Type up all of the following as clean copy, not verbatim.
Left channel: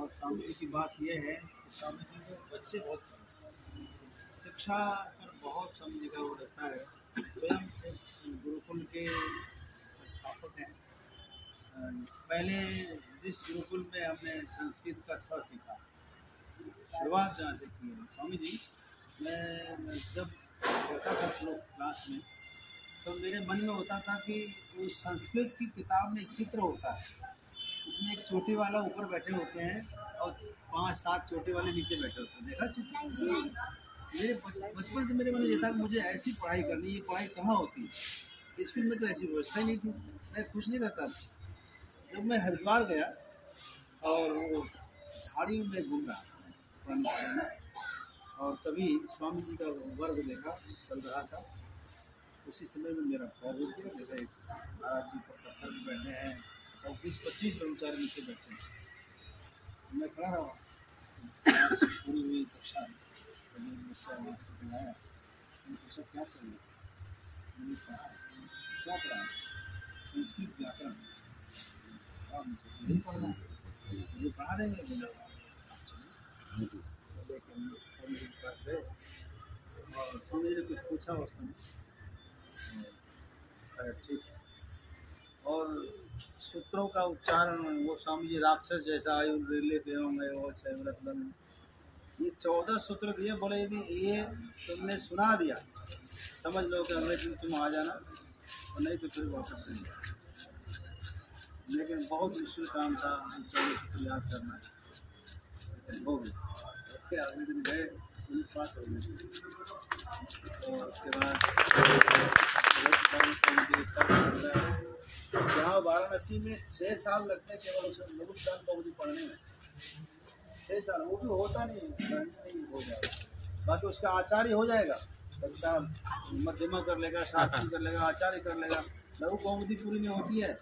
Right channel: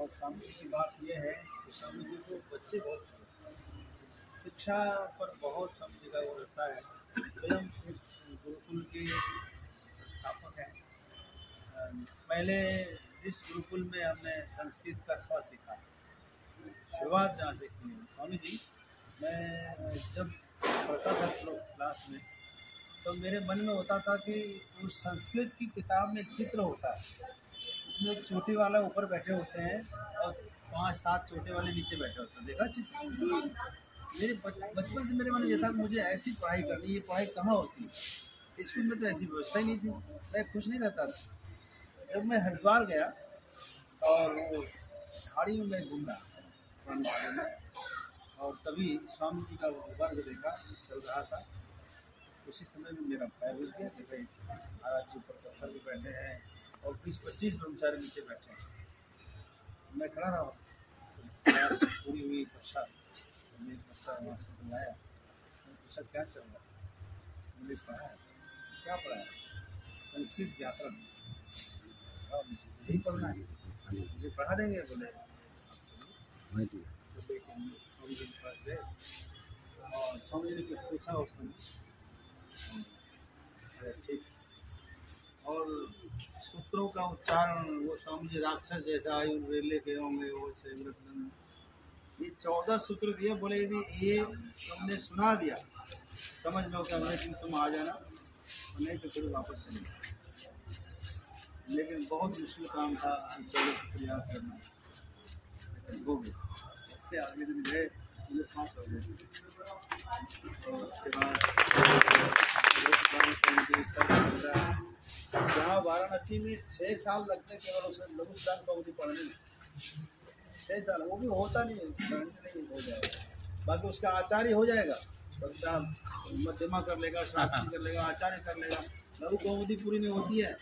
और स्वामी जी की बात यह है कि स्वामी जी को बच्चे बहुत शिक्षा पर बहुत स्वामी जी का वो रहता है। स्वयं एक गुरुकुल के संस्थापक हैं। पहले जिस गुरुकुल में हमने संस्कृत का स सीखा, शुरुआत जहाँ से की है स्वामी जी। मैं जब पढ़ता था क्लास में तो मेरे मन में होता था कि उस संस्कृत की किताब में एक चित्र होता है, इसमें एक चोटी वाला ऊपर बैठे होते हैं और 5-7 चोटी वाले नीचे बैठे होते हैं। देखा चित्र? मेरे बचपन से मेरे मन में ये था कि मुझे ऐसी पढ़ाई करनी। ये पढ़ाई कहाँ होती है? स्कूल में तो ऐसी व्यवस्था ही नहीं थी। मैं खुश नहीं रहता था। जब मैं हरिद्वार गया और वो झाड़ियों में घूम रहा था और तभी स्वामी जी का वर्ग देखा चल रहा था। उसी समय में मेरा पैर रुक गया। जैसे महाराज जी पत्थर पे बैठे हैं और 20-25 ब्रह्मचारी नीचे बैठे हैं। मैं खड़ा रहा, पूरी हुई कक्षा। बच्चा वहाँ से बुलाया, मैंने पूछा क्या चल रहा है? मैंने पढ़ा। क्या पढ़ा? संस्कृत व्याकरण। यही पढ़ना है, मुझे पढ़ा देंगे? बोले हाँ जी। तो लेकिन स्वामी जी के पास गए और स्वामी जी ने कुछ पूछा उस समय। ठीक। और सूत्रों का उच्चारण वो स्वामी जी राक्षस जैसा आयुर्वेले के होंगे वो छेव्रतन। ये 14 सूत्र दिए, बोले यदि ये तुमने सुना दिया समझ लो कि अगले दिन तुम आ जाना और नहीं तो फिर वापस चले जाओ। लेकिन बहुत मुश्किल काम था, चलो याद करना है। हो गया। अगले दिन गए, मुझे पास हो गए। उसके बाद यहाँ वाराणसी में 6 साल लगते केवल उसे लघुदान कौमुदी पढ़ने में। 6 साल, वो भी होता नहीं, नहीं हो जाएगा। बाकी उसका आचार्य हो जाएगा, कक्षा मध्यमा कर लेगा, शास्त्री कर लेगा, आचार्य कर लेगा। लघु कौमुदी पूरी नहीं होती है।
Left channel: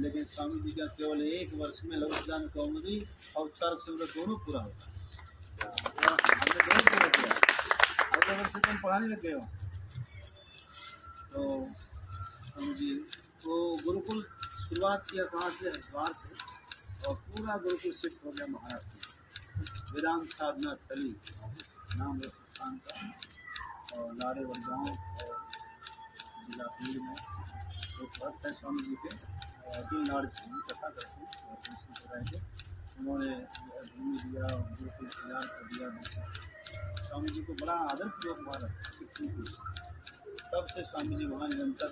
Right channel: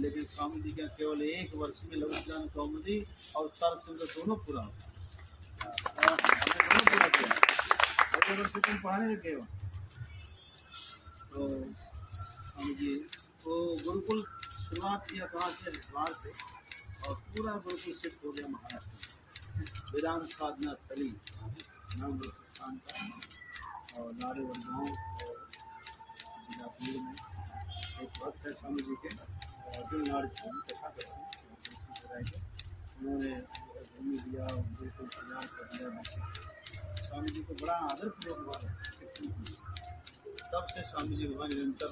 लेकिन स्वामी जी का केवल 1 वर्ष में लघुदान कौमुदी और तर्क संग्रह दोनों पूरा होता है। हमने दोनों पूरा किया। अगले वर्ष तुम पढ़ाने लग गए हो। तो स्वामी जी वो गुरुकुल शुरुआत किया कहाँ से? हरिद्वार से, और पूरा गुरुकुल शिफ्ट हो गया महाराष्ट्र में। वेदांत साधना स्थली नाम स्थान का, और लारेवर गाँव और जिला पीर में एक भक्त है स्वामी जी के, अर्जुन लाड़ से कथा करते हैं। उन्होंने भूमि दिया, गुरुकुल तैयार कर दिया। स्वामी जी को बड़ा आदरपूर्वक वहाँ रखते हैं। तब से स्वामी जी वहाँ निरंतर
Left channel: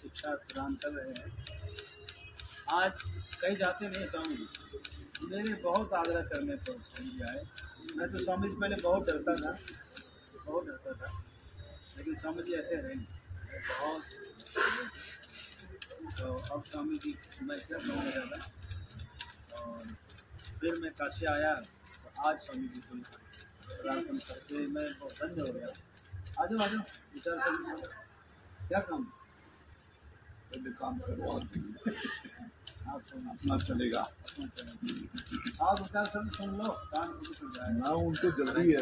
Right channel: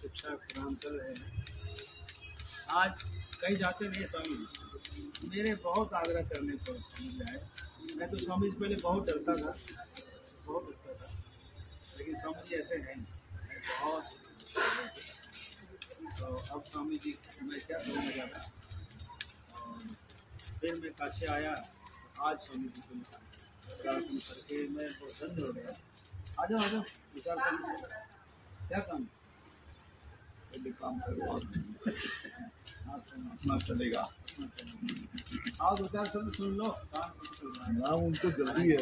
शिक्षा प्रदान कर रहे हैं। आज कहीं जाते नहीं स्वामी जी। मेरे बहुत आग्रह करने पर स्वामी जी आए। मैं तो स्वामी जी पहले बहुत डरता था, लेकिन स्वामी जी ऐसे हैं बहुत। तो अब स्वामी जी मैं क्या कहूँगा ज़्यादा। और फिर मैं काशी आया तो आज स्वामी जी को प्रार्थना करके मैं बहुत धन्य हो गया। आ जाओ विचार कर, क्या काम? काम करवा अपना चलेगा। आओ 2-4 शब्द सुन लो, काम चल जाएगा ना। उनको जल्दी है।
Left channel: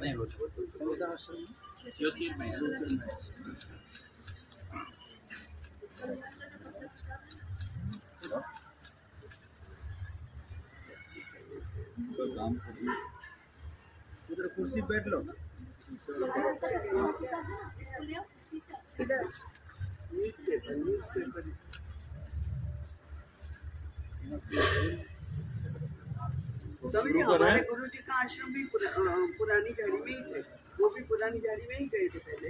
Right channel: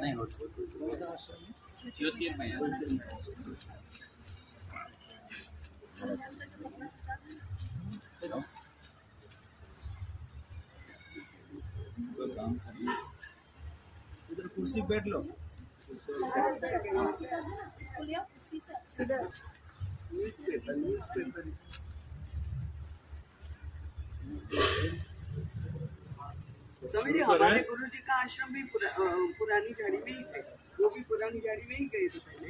नहीं होता ज्योतिर्मय काम करिए। इधर कुर्सी बैठ लो। स्वामी जी हमारे गुरु जी का आश्रम भी पुरानी झाड़ी में ही थे। वो भी पुरानी झाड़ी में ही गए थे पहले।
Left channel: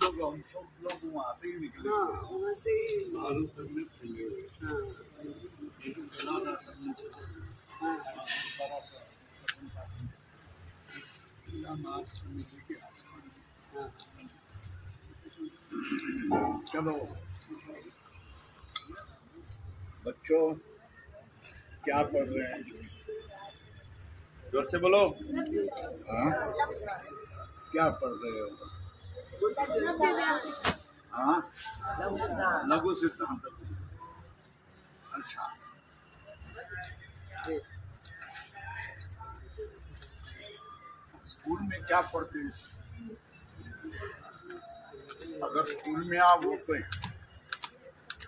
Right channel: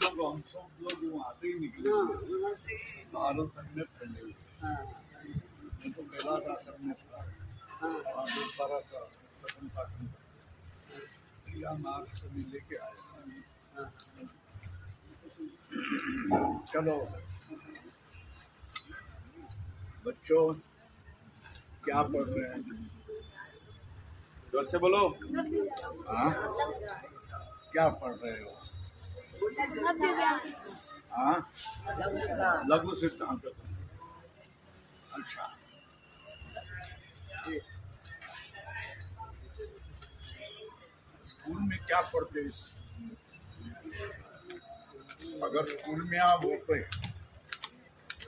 सब लोग वहाँ से ही निकले। हाँ वहाँ से लेके आए। चलो बच्चों क्या पढ़ रहे हैं? जोर से बोलो। हाँ क्या पढ़ रहे हो? हाँ लघु सिद्धांत। अच्छा स्कूल में क्या पढ़ते हैं? अगर स्कूल में आप होते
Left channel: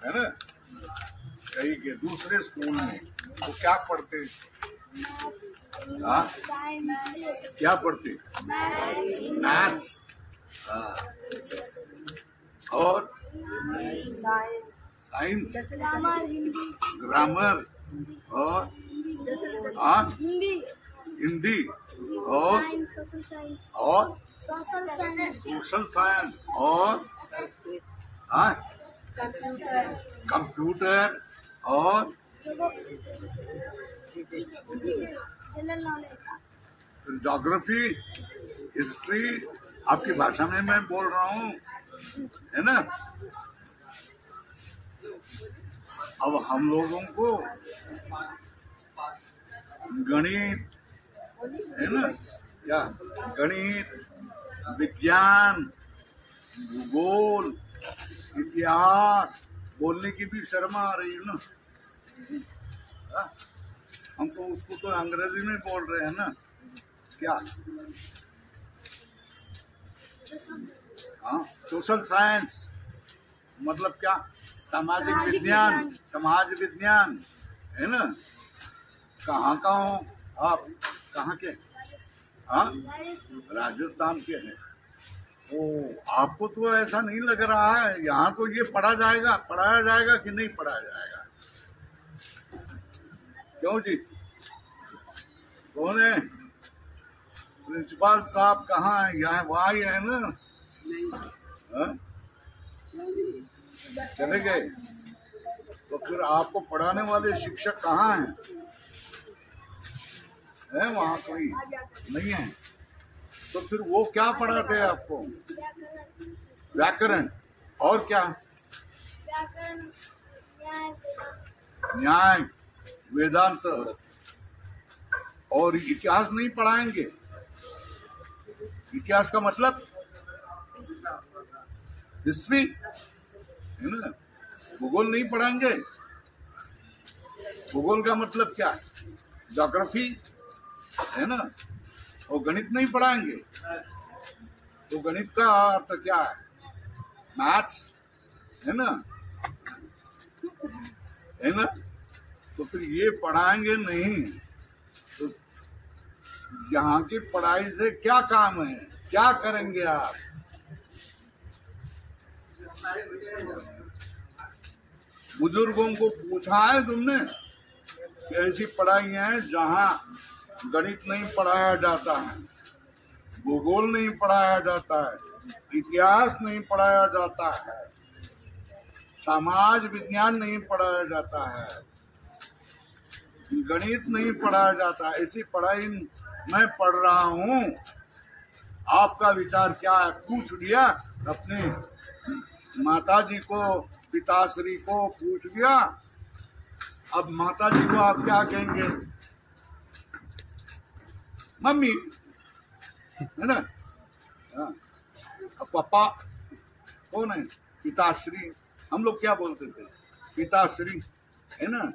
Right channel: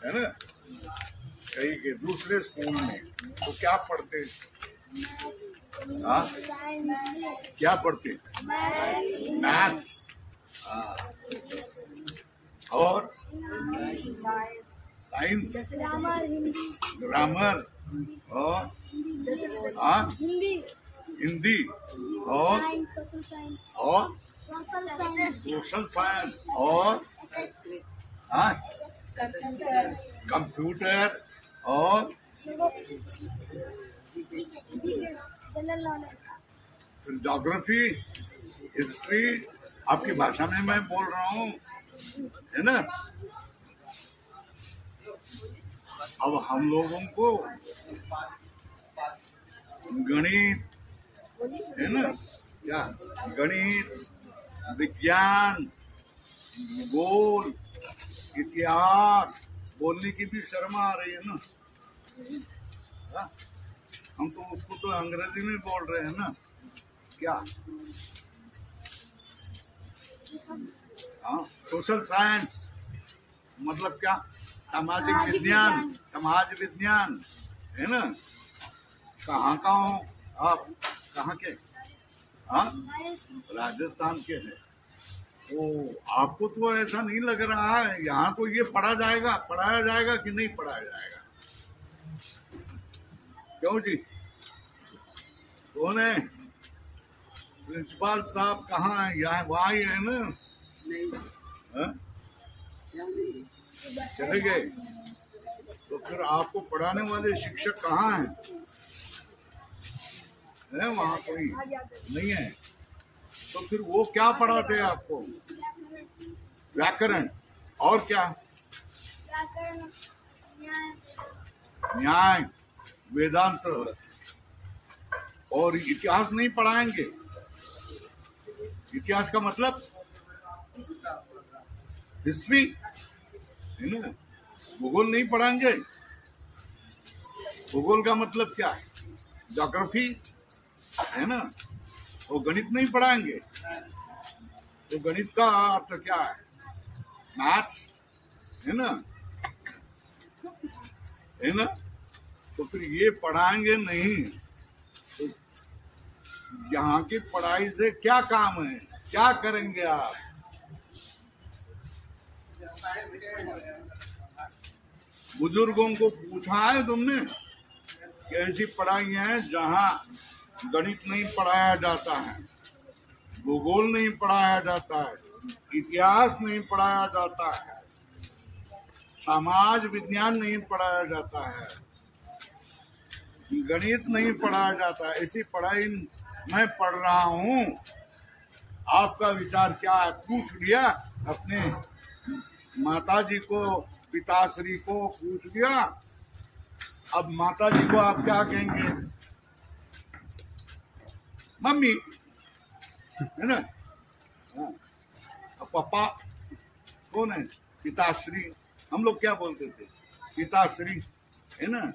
है ना, कहीं के दूसरे स्कूल में, तो क्या पढ़ते? हाँ, क्या पढ़ते? मैथ। और साइंस, ग्रामर, और हिंदी, और सोशल साइंस, और कंप्यूटर, और ज्योग्राफी, हिस्ट्री। आपकी भाषा में मैं बोल रहा हूँ, है ना। अब हम लोगों को गणित, है ना, क्या गणित, विज्ञान, भूगोल, इतिहास बोलने की भी शर्म आ रही है ना। हम तो उसको तो अंग्रेजी में बोल रहे हैं ना, क्या। हाँ, सोशल साइंस मतलब क्या? सामाजिक विज्ञान, समाज विज्ञान, है ना। कहाँ का हो आप? कहाँ के? हाँ, राजस्थान के हैं। ओ, आपको तो ऐसा नहीं लग रहा है यहाँ तो ये पढ़ाया जाएगा कि नहीं पढ़ाया जाएगा? क्यों जी? कौन है प्रिंसिपल साहब? कहाँ है? यहाँ वहाँ ही है ना? चले गए? तो फिर आपको पढ़ाने वाले शिक्षक कहाँ हैं? है वहाँ कोई नहीं है? तो फिर वो क्या पढ़ाते हैं आपको? व्याकरण, और क्या? न्याय, वेदांत, और इतिहास नहीं पढ़ाएंगे? इतिहास का मतलब हिस्ट्री, है ना। भूगोल नहीं पढ़ाएंगे? भूगोल का मतलब क्या है? ज्योग्राफी, है ना। और गणित नहीं पढ़ाएंगे? तो गणित का अर्थ क्या है? मैथ्स, है ना, है ना। तो फिर ये पढ़ाएंगे नहीं तो यहाँ की पढ़ाई से क्या काम है? क्या करेंगे आप? बुजुर्गों को पूछा है तुमने कि ऐसी पढ़ाई है जहाँ गणित नहीं पढ़ाया जाता है, भूगोल नहीं पढ़ाया जाता है, इतिहास नहीं पढ़ाया जाता है, समाज विज्ञान नहीं पढ़ाया जाता है, गणित नहीं पढ़ाया जाता? ऐसी पढ़ाई मैं पढ़ रहा हूँ, आपका विचार क्या है? पूछ लिया अपने माताजी को, पिताश्री को पूछ लिया। अब माताजी को आप क्या कहेंगे? मम्मी, है ना। हाँ। अब पापा कौन है? पिताश्री। हम लोग क्या बोलते थे? पिताश्री, है ना।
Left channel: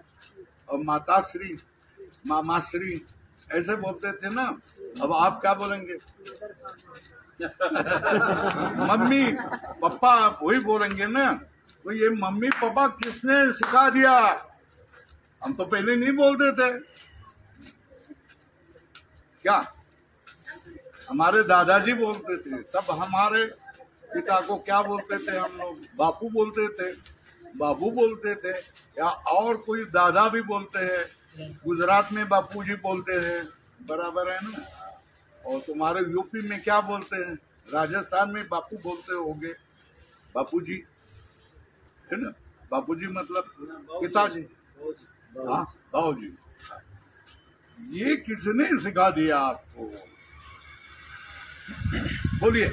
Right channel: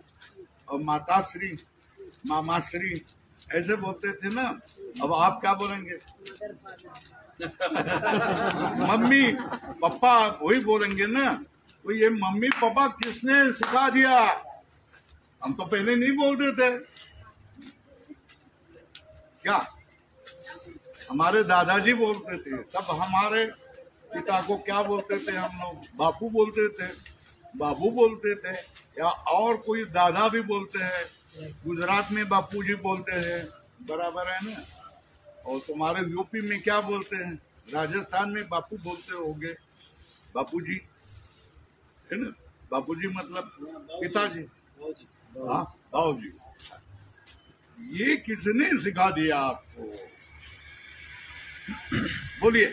और माताश्री, मामाश्री, ऐसे बोलते थे ना। अब आप क्या बोलेंगे? मम्मी पापा वही बोलेंगे ना। तो ये मम्मी पापा किसने सिखा दिया? हम तो पहले नहीं बोलते थे क्या? हमारे दादाजी बोलते थे। तब हमारे पिता को क्या बोलते थे हम लोग? बापू बोलते थे, बाबू बोलते थे, या और कोई दादा भी बोलते हैं। गुजरात में बापूजी बोलते हैं, बराबर है ना। और तुम्हारे यूपी में क्या बोलते हैं? राजस्थान में बापू बोलते होंगे, बापूजी, है ना। बापूजी मतलब पिताजी, हाँ, बाबूजी। ये किसने सिखा दिया आपको? बोलिए।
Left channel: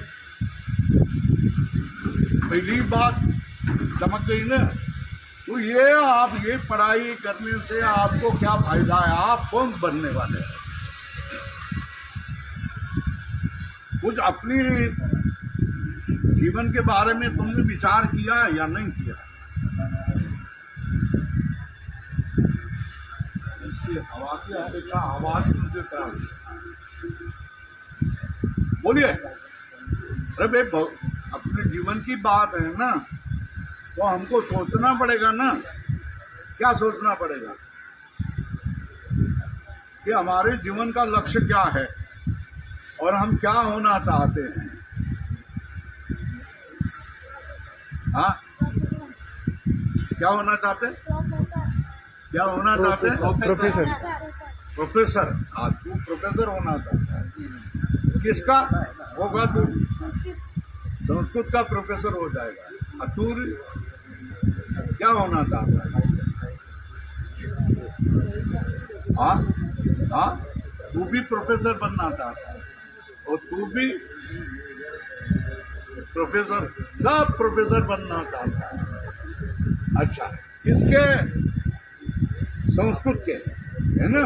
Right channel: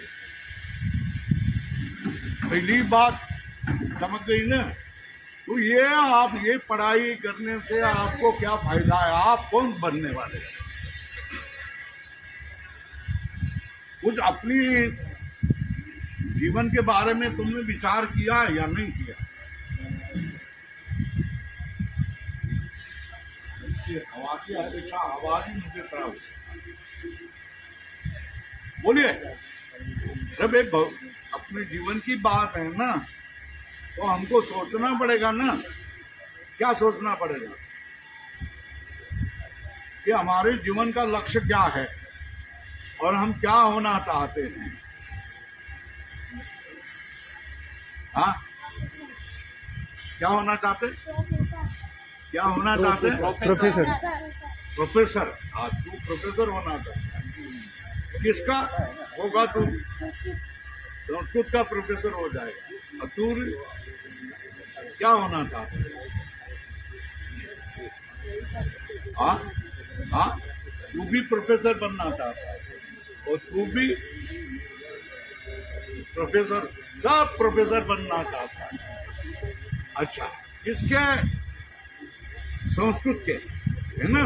पहली बात समझ गई ना। तो ये आप ये पढ़ाई करने से आपको क्या फायदा है? आप कौन बनने वाले हैं? कुछ अपनी जीवन के बारे में तुमने विचार किया या नहीं किया? हवा की हमेशा आवाज मुझे खराब। बोलिए। अरे भाई अपने जीवन की बात है ना, तो हमको सोचना पड़ेगा ना। क्या सोचना पड़ेगा कि हमारे जीवन का लक्ष्य क्या है और हम क्या होना चाहते हैं। हाँ, क्या होना चाहते, क्या होना चाहते? प्रोफेसर। हाँ, तू प्रोफेसर होना चाहता है। किसका होगा तू? संस्कृत का प्रोफेसर हो जाएगा। और तू क्या होना चाहता है? हाँ हाँ, तू भी प्रोफेसर बनना चाहता है और तू भी प्रोफेसर, सब प्रोफेसर बनना चाहता है। अच्छा, किसके? संस्कृत के, है ना।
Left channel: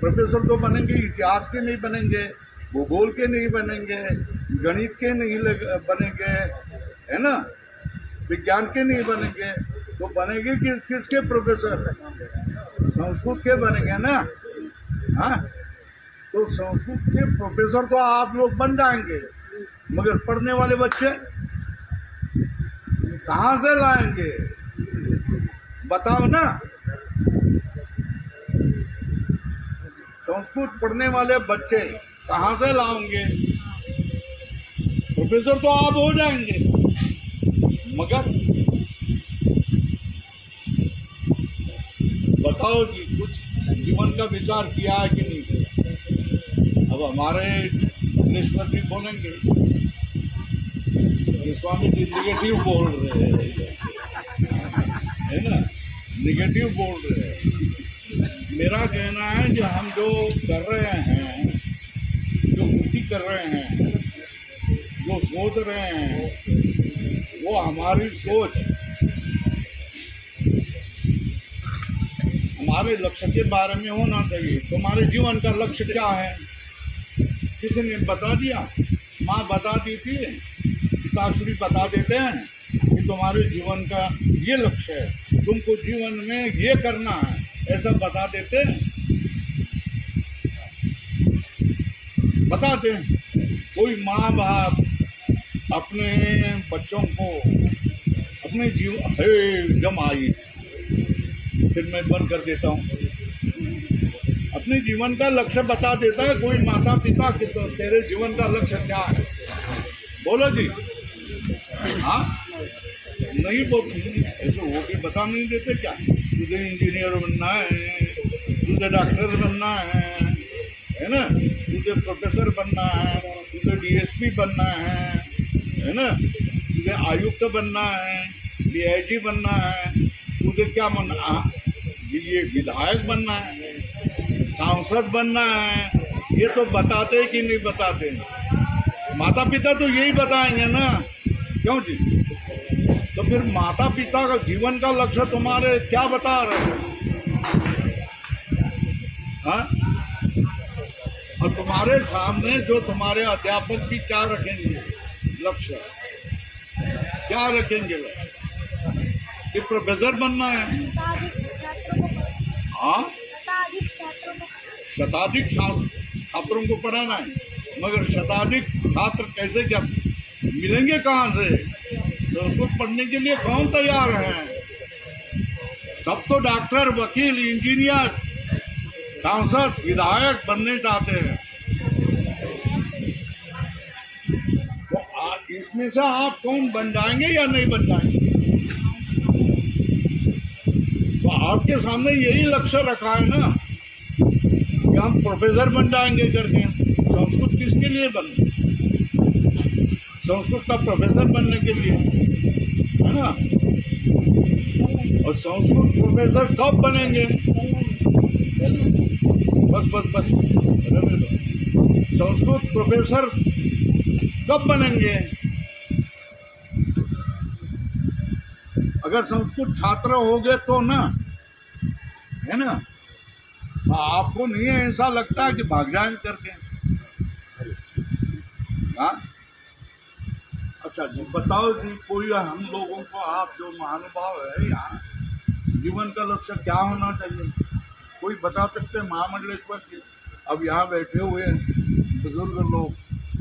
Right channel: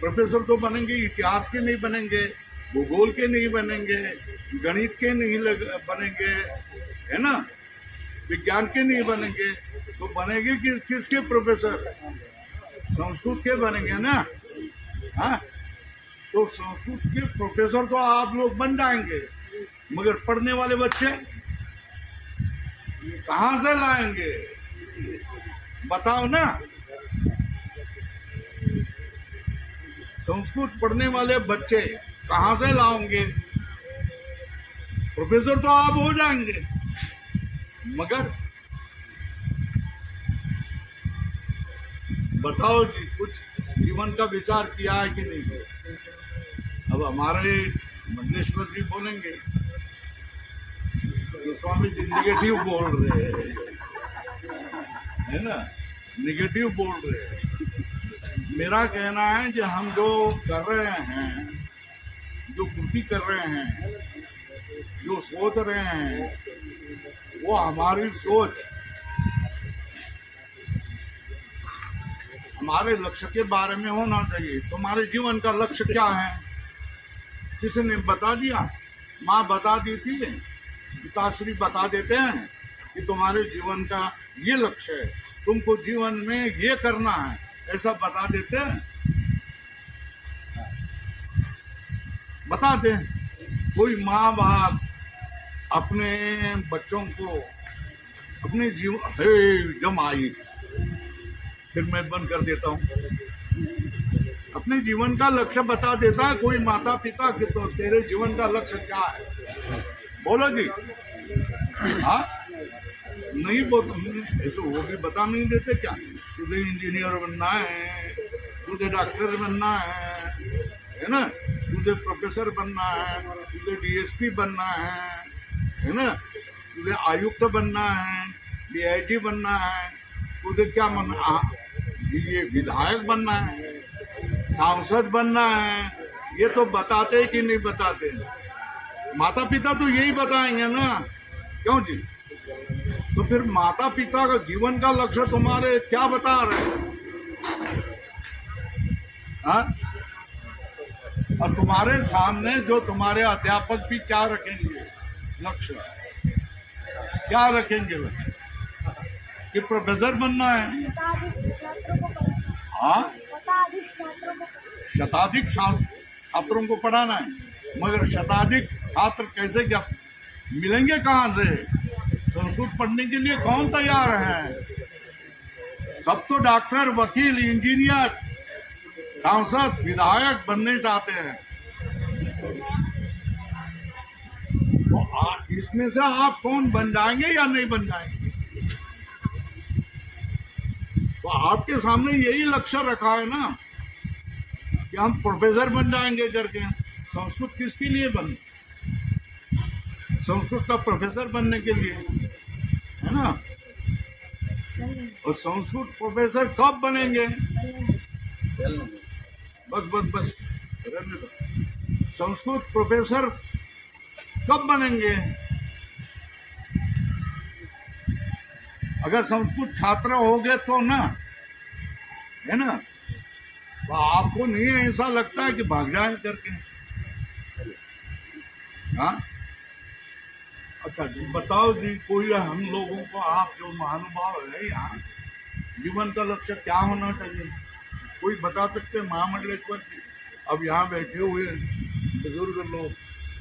प्रोफेसर तो बनेंगे, इतिहास के नहीं बनेंगे, भूगोल के नहीं बनेंगे, गणित के नहीं बनेंगे, है ना, विज्ञान के नहीं बनेंगे। तो बनेंगे किसके प्रोफेसर? संस्कृत के बनेंगे ना। हाँ, तो संस्कृत के प्रोफेसर तो आप लोग बन जाएंगे, मगर पढ़ने वाले बच्चे कहाँ से लाएंगे? बताओ ना। संस्कृत पढ़ने वाले बच्चे कहाँ से लाओगे? प्रोफेसर तो आप हो जाएंगे, मगर बताओ जी, कुछ जीवन का विचार किया है कि नहीं किया? अब हमारे मंडलेश्वर जी बोलेंगे, गोस्वामी जी निगेटिव बोल रहे हैं, है ना, निगेटिव बोल रहे हैं। मेरा कहना है कि हम जो कर रहे हैं, जो कृति कर रहे हैं, जो सोच रहे हैं, वो हमारी सोच हमारे लक्ष्य के बारे में होना चाहिए। तुम्हारे जीवन का लक्ष्य क्या है? किसी ने बता दिया? माँ बता दी थी, पिताश्री बता देते हैं कि तुम्हारे जीवन का ये लक्ष्य है, तुमको जीवन में ये करना है, ऐसा बता देते हैं, बताते हैं। कोई माँ बाप अपने बच्चों को अपने जीवन जम आई, फिर मैं बंद कर देता हूँ, अपने जीवन का लक्ष्य बता देता है कोई माता पिता कि तो तेरे जीवन का लक्ष्य क्या है? बोलो जी। हाँ, नहीं बोल, ऐसे वो भी बता नहीं देते क्या? तुझे इंजीनियर बनना है, तुझे डॉक्टर बनना है ना, तुझे प्रोफेसर बनना है, तुझे डीएसपी बनना है ना, तुझे आयुक्त बनना है, डीआईजी बनना है, तुझे क्या बनना, ये विधायक बनना है, सांसद बनना है। ये तो बताते कि नहीं बताते? माता पिता तो यही बताएंगे ना, क्यों जी? तो फिर माता पिता का जीवन का लक्ष्य तुम्हारे क्या बता रहे हैं? हाँ? और तुम्हारे सामने जो तुम्हारे अध्यापक भी क्या रखेंगे लक्ष्य? क्या रखेंगे लक्ष्य? कि प्रोफेसर बनना है, हाँ, शताधिक छात्रों को पढ़ाना है, मगर शताधिक छात्र कैसे, क्या मिलेंगे कहाँ से? संस्कृत पढ़ने के लिए कौन तैयार है? सब तो डॉक्टर, वकील, इंजीनियर, सांसद, विधायक बनने चाहते हैं। तो इसमें से आप कौन बन जाएंगे या नहीं बन जाएंगे? तो आपके सामने यही लक्ष्य रखा है ना कि हम प्रोफेसर बन जाएंगे करके। संस्कृत किसके लिए बन? संस्कृत का प्रोफेसर बनने के लिए, है ना। और संस्कृत प्रोफेसर कब बनेंगे? बस रहने दो। संस्कृत प्रोफेसर कब बनेंगे? अगर संस्कृत छात्र हो गए तो ना, है ना। तो आपको नहीं ऐसा लगता है कि भाग जाए करके? हाँ, अच्छा जी, बताओ जी, कोई हम लोगों को, आप जो महानुभाव है यहाँ, जीवन का लक्ष्य क्या होना चाहिए? कोई बता सकते हैं? महामंडलेश्वर जी अब यहाँ बैठे हुए बुजुर्ग लोग,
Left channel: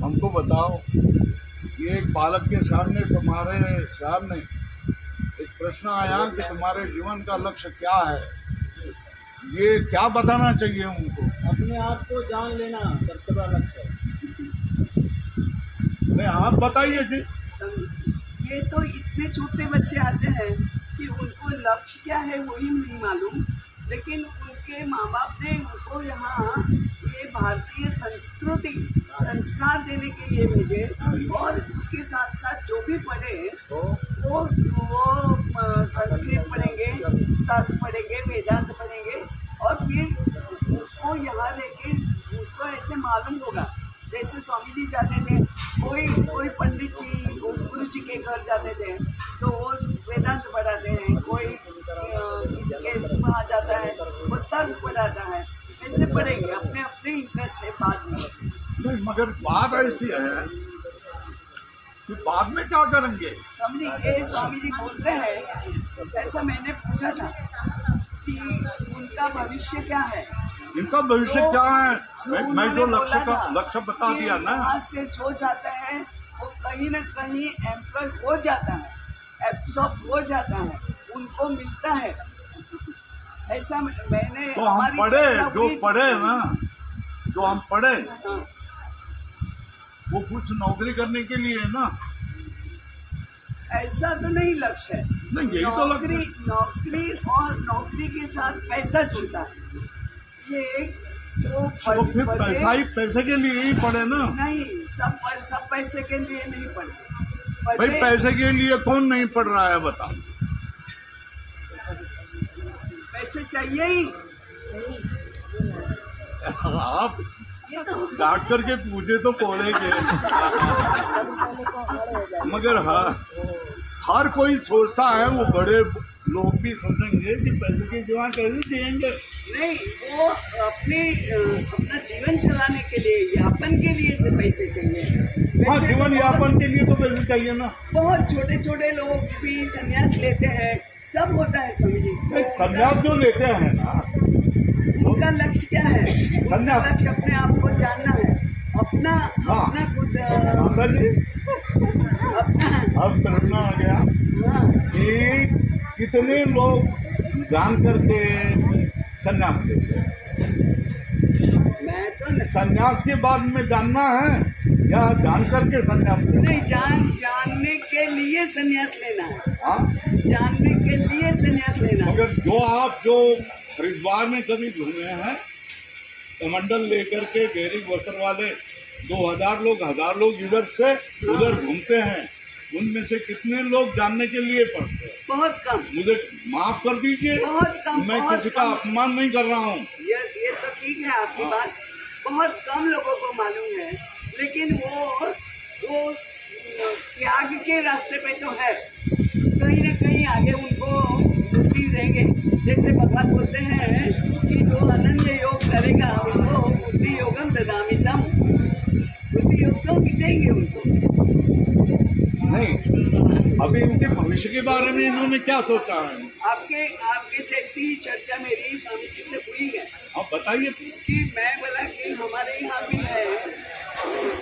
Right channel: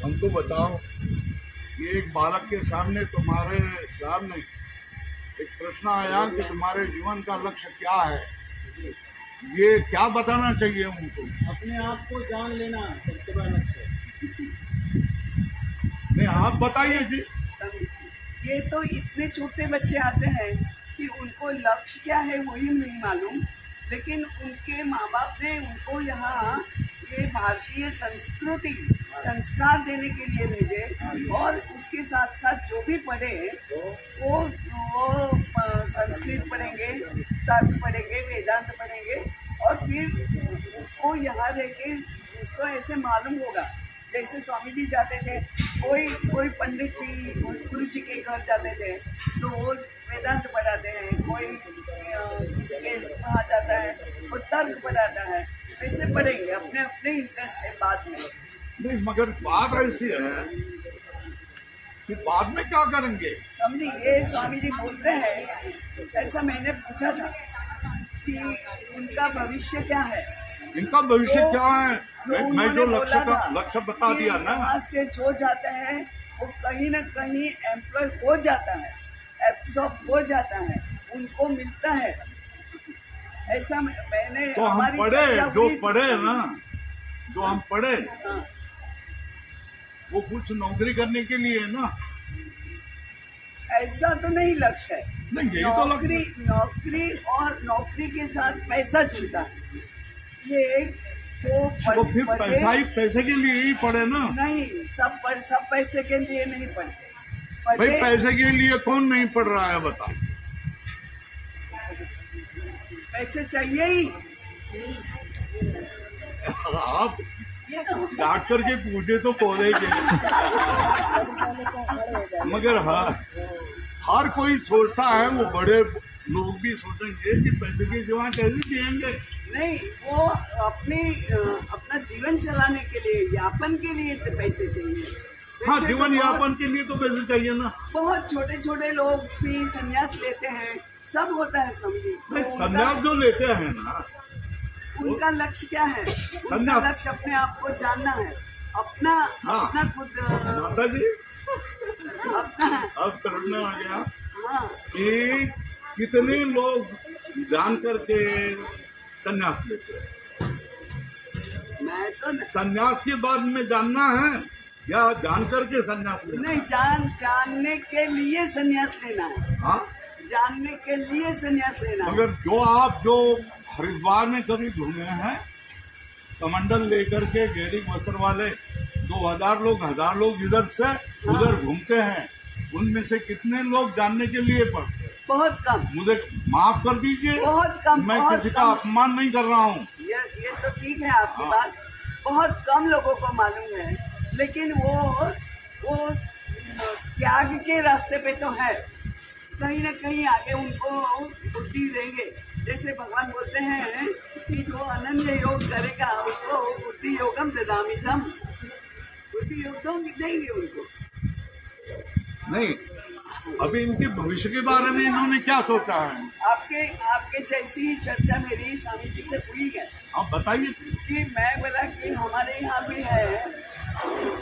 हमको बताओ कि एक बालक के सामने तुम्हारे सामने एक प्रश्न आया कि तुम्हारे जीवन का लक्ष्य क्या है, ये क्या बताना चाहिए उनको? अपने आप को जान लेना सबसे बड़ा लक्ष्य है। नहीं, आप बताइए जी। ये तो इतने छोटे बच्चे आते हैं कि उनको लक्ष्य क्या है वही नहीं मालूम, लेकिन उनके माँ बाप ने उनको यहाँ ये भारतीय संस्कृति संस्कार देने के लिए भेजे, और उसके साथ साथ जो भी पढ़े वो संस्कृत पढ़ेंगे, तर्क पढ़ेंगे, वेदांत पढ़ेंगे, और फिर उसको यहाँ लेके उसको ऐसे मालूम होगा। जैसे स्वामी जी जाते थे, कोई पंडित जी गुरु जी के घर जाते थे तो वो वेदांत पढ़ाते हैं, कोई किसी के वहाँ जाता है वो तर्क पढ़ाता है, ऐसे पढ़ेंगे अपने अपने इंटरेस्ट से बाद में। नहीं, मगर बात ऐसी है कि बाद में क्या करेंगे? समझी, ये स्वामी जी बोलते हैं, ऐसा मैंने पूछा था कि उनका भविष्य क्या है, इनका भविष्य तो क्या है? मैं जो लक्ष्य बता कि दिया ना, यहाँ से जो जाता है वो कहीं न कहीं एम्प्लॉय हो जाता है, एब्सॉर्ब हो जाता है, उनको मिलता है। ऐसा मैंने तो हम हमारी पढ़े, चर्चा जो हुई थी। पढ़े ना, जो हम पढ़े हाँ, वो कुछ नौकरी करने के लिए है ना। ऐसा तो नहीं लक्ष्य है। नहीं, यही तो नौकरी लक्ष्य। नौकरी और नौकरी के साथ पैसा जुड़ता है। ये जो तो फिर पैसे के लिए ही पढ़े ना। नहीं, सब पैसे के लिए नहीं पढ़ते। भाई पैसे के लिए कौन नहीं पढ़ रहा है बता? पैसे चाहिए ही। आप डॉक्टर के पूछे तो बोलेंगे, मगर हाँ, हर कोई सोचता है, वो बड़े लोग भी सोचेंगे कि पैसे के सिवा कैसे जिएंगे। नहीं, वो अपना जीवन चलाने के लिए, यापन के लिए पैसे चाहिए। हाँ, जीवन यापन के लिए तो पैसे चाहिए ना। बहुत छोटे छोटे लोग भी संन्यास लेते हैं, सब होता है समझिए। संन्यास जो लेते हैं ना, उनका लक्ष्य क्या है? उनका लक्ष्य अपने आप को जानना है, अपना खुद माता जी अपना। अब करना आ गया हाँ, कि कितने लोग जान करके संन्यास लेते हैं। मैं तो संन्यास के बाद में जानना है या जान करके संन्यास लेना? नहीं, जानने के लिए संन्यास लेना है। हाँ, जानने के लिए संन्यास लेना है। मगर जो हरिद्वार में कभी घूमे हैं, कमंडल लेकर के गहरी वस्त्र वाले 2000 लोग 1000 लोग इधर से उधर घूमते हैं, उनमें से कितने लोग जानने के लिए पढ़ते हैं? बहुत कम। मुझे माफ कर दीजिए, बहुत कम। मैं किसी का अपमान नहीं कर रहा हूँ। ये तो ठीक है आपकी बात, बहुत कम लोगों को मालूम है, लेकिन वो त्याग के रास्ते पे तो है, कहीं न कहीं आगे उनको बुद्धि देंगे। जैसे भगवान बोलते हैं कि जो अनन्य योग करेगा उसको बुद्धि योगम ददामितम, बुद्धि योग तो देंगे उनको। नहीं, अभी इनके भविष्य के बारे में इन्होंने क्या सोचा है? आपके जैसी ही चर्चा मेरी स्वामी जी से हुई है। आप बताइए कि मैं बोला कि हमारे यहाँ भी है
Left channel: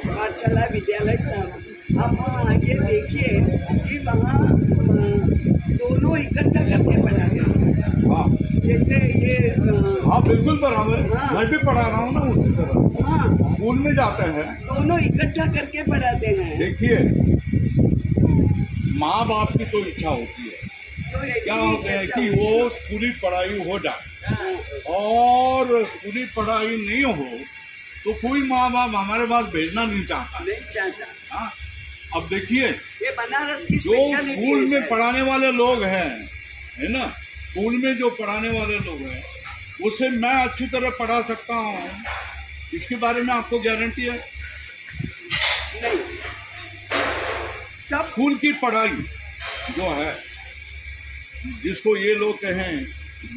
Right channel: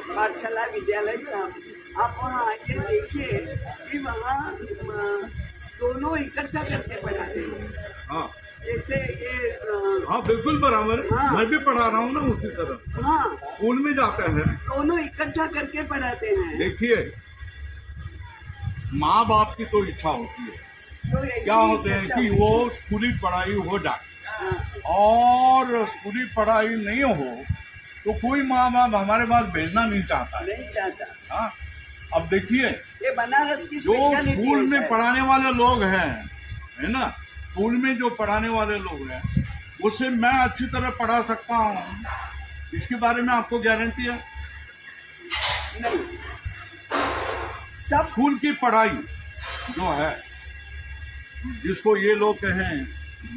पाठशाला विद्यालय साहब, आप वहाँ आइए, देखिए कि वहाँ दोनों इकट्ठा करके पढ़ाते हैं। हाँ, जैसे ये हाँ, बिल्कुल बराबर। हाँ, मैं भी पढ़ा रहा हूँ ना उसी तरह। हाँ, स्कूल में जाते हैं, दोनों इकट्ठा करके पढ़ाते हैं। देखिए, माँ बाप की तो इच्छा होती है, तो ऐसी क्या होते हैं कि वो स्कूली पढ़ाई हो जाए, और स्कूली पढ़ाई नहीं हो तो कोई माँ बाप हमारे पास भेजना नहीं चाहता। नहीं चाहता। हाँ, अब देखिए, ये बनारस की जो स्पेशलिटी स्कूल में है। पढ़ाने वाले लोग हैं, है ना, स्कूल में जो पढ़ाने वाले लोग हैं, उसे मैं अच्छी तरह पढ़ा सकता हूँ, इसके बारे में आपको गारंटी है? नहीं, सब स्कूल की पढ़ाई जो है, जिसको ये लोग कहें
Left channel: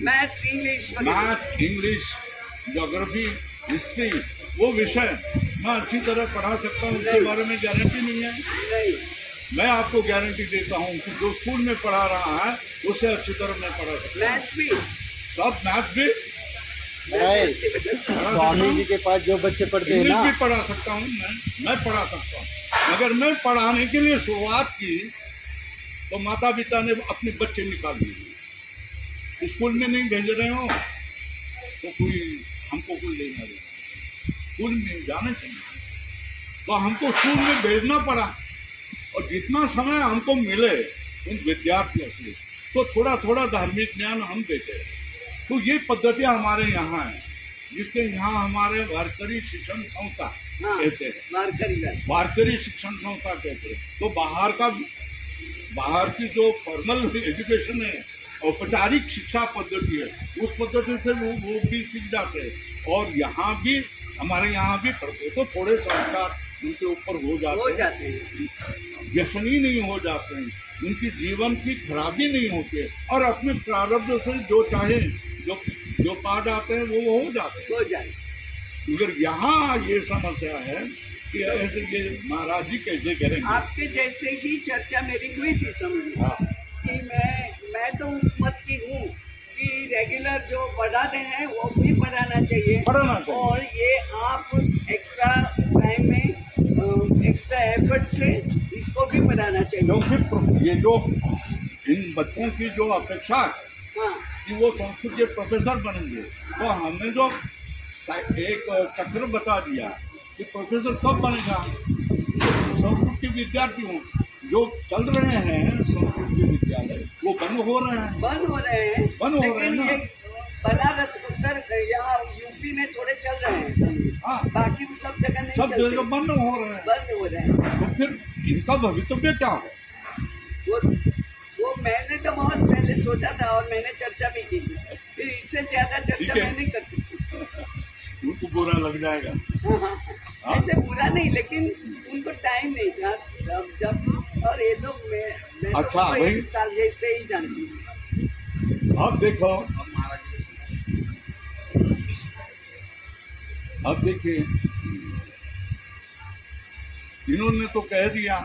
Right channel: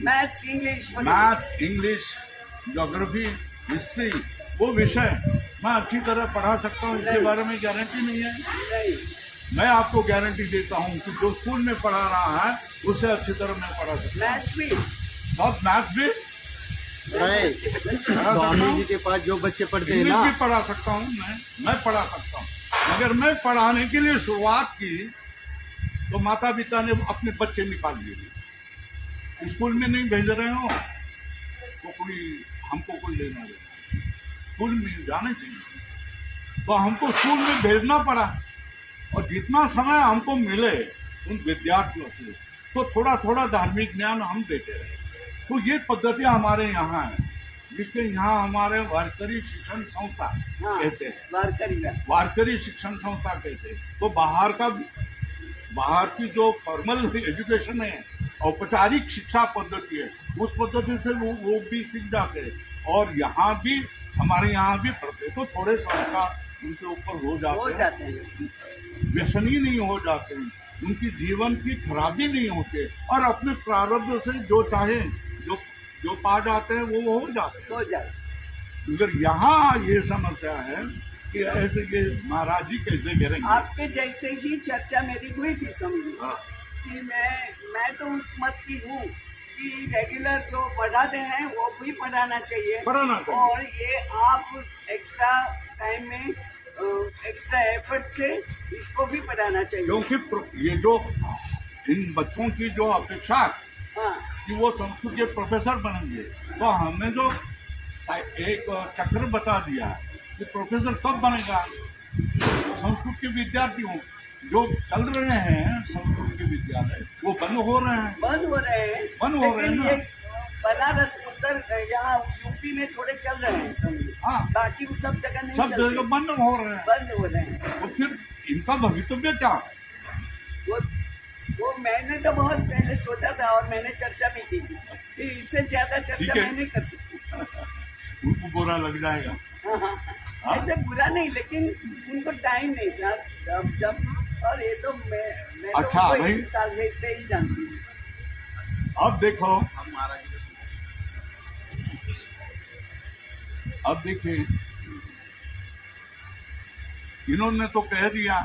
maths, English, maths, English, geography, history, वो विषय मैं अच्छी तरह पढ़ा सकता हूँ, इसके बारे में गारंटी नहीं है। नहीं, मैं आपको गारंटी देता हूँ कि जो स्कूल में पढ़ा रहा है उससे अच्छी तरह मैं पढ़ा सकता हूँ। मैथ्स भी, सब मैथ्स भी, राय स्वामी जी के पास जो बच्चे पढ़ते हैं इंग्लिश ना, भी पढ़ा सकता हूँ मैं पढ़ा सकता हूँ। मगर मैं पढ़ाने के लिए शुरुआत की तो माता पिता ने अपने बच्चे निकाल दिए। स्कूल में नहीं भेज रहे हो तो हमको कोई लेना देना, स्कूल में जाने चाहिए। तो हमको स्कूल में भेजना पड़ा और जितना समय हमको मिले उन विद्यार्थियों से तो थोड़ा थोड़ा धार्मिक ज्ञान हम देते रहे। तो ये पद्धतियां हमारे यहाँ है, जिसके यहाँ हमारे वारकरी शिक्षण संस्था कहते हैं, वारकरी शिक्षण संस्था कहते हैं। तो बाहर की जो फॉर्मल एजुकेशन है, औपचारिक शिक्षा पद्धति है, उस पद्धति से वो भी सीख जाते हैं और यहाँ भी हमारे यहाँ भी पढ़ते, तो थोड़े संस्कार उनके ऊपर हो जाते हैं, व्यसनी नहीं हो जाते हैं, उनकी जीवन की खराबी नहीं होती और अपने प्रारब्ध से जो चाहे जो पा जाते हैं वो हो जाते हैं। मगर यहाँ ये समस्या है कि ऐसे ये महाराज जी कैसे करेंगे। आपके जैसे ही चर्चा मेरी हुई थी समझिए कि मैं तो उस मत की हूँ कि रेगुलर जो पढ़ाते हैं वो भी पढ़ाना चाहिए और ये आप एक्स्ट्रा टाइम में एक्स्ट्रा एफर्ट से इसको भी पढ़ाना चाहिए, क्योंकि ये जो इन बच्चों की जो अपेक्षा है कि वो संस्कृत के प्रोफेसर बनेंगे, तो हमने जो एक चक्र बता दिया कि प्रोफेसर कब बनेगा। संस्कृत के विद्यार्थी हों जो चल रहे हैं संस्कृत के विद्यालय वो बंद हो रहे हैं ना। बनारस उत्तर यहाँ यूपी में थोड़े चल रहे हैं, हाँ, बाकी सब जगह नहीं, सब जगह बंद हो रहे हैं। तो फिर इनका भवितव्य क्या है? वो मैंने तो बहुत पहले सोचा था और मैंने चर्चा भी की थी, फिर इससे ज्यादा चर्चा मैं नहीं कर सकती। उनको बुरा लग जाएगा। हाँ? ऐसे बुरा नहीं, लेकिन उनको टाइम नहीं था जब और ये लोग मैं अच्छा तो भाई 1 साल से ही जानती हूँ। अब देखिए इन्होंने तो कह दिया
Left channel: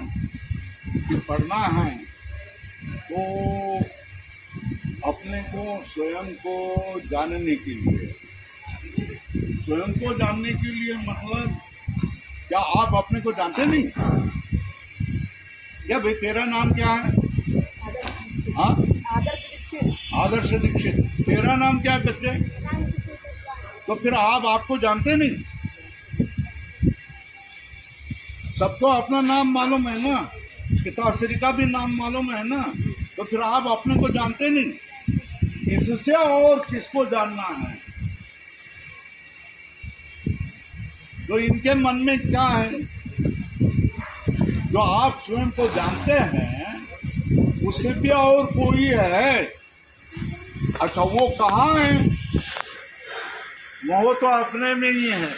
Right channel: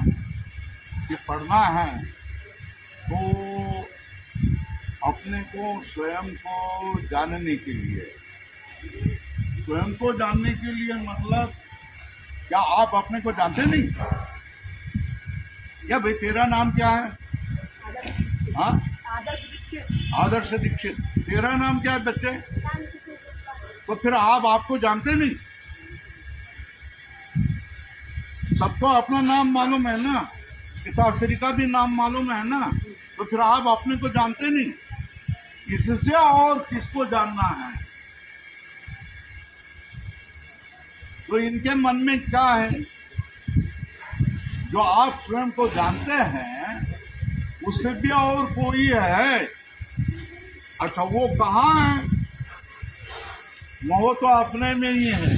कि पढ़ना है तो अपने को स्वयं को जानने के लिए, स्वयं को जानने के लिए मतलब क्या आप अपने को जानते नहीं? क्या भाई तेरा नाम क्या है? हाँ, आदर्श दीक्षित। तेरा नाम क्या है बच्चे? तो फिर आप आपको जानते नहीं? सबको अपना नाम मालूम है ना, पिताश्री का भी नाम मालूम है ना, तो फिर आप अपने को जानते नहीं। इससे और किसको जानना है? तो इनके मन में क्या है? जो आप स्वयं को जानते हैं उससे भी और कोई है। अच्छा वो कहाँ है? वो तो अपने में ही है।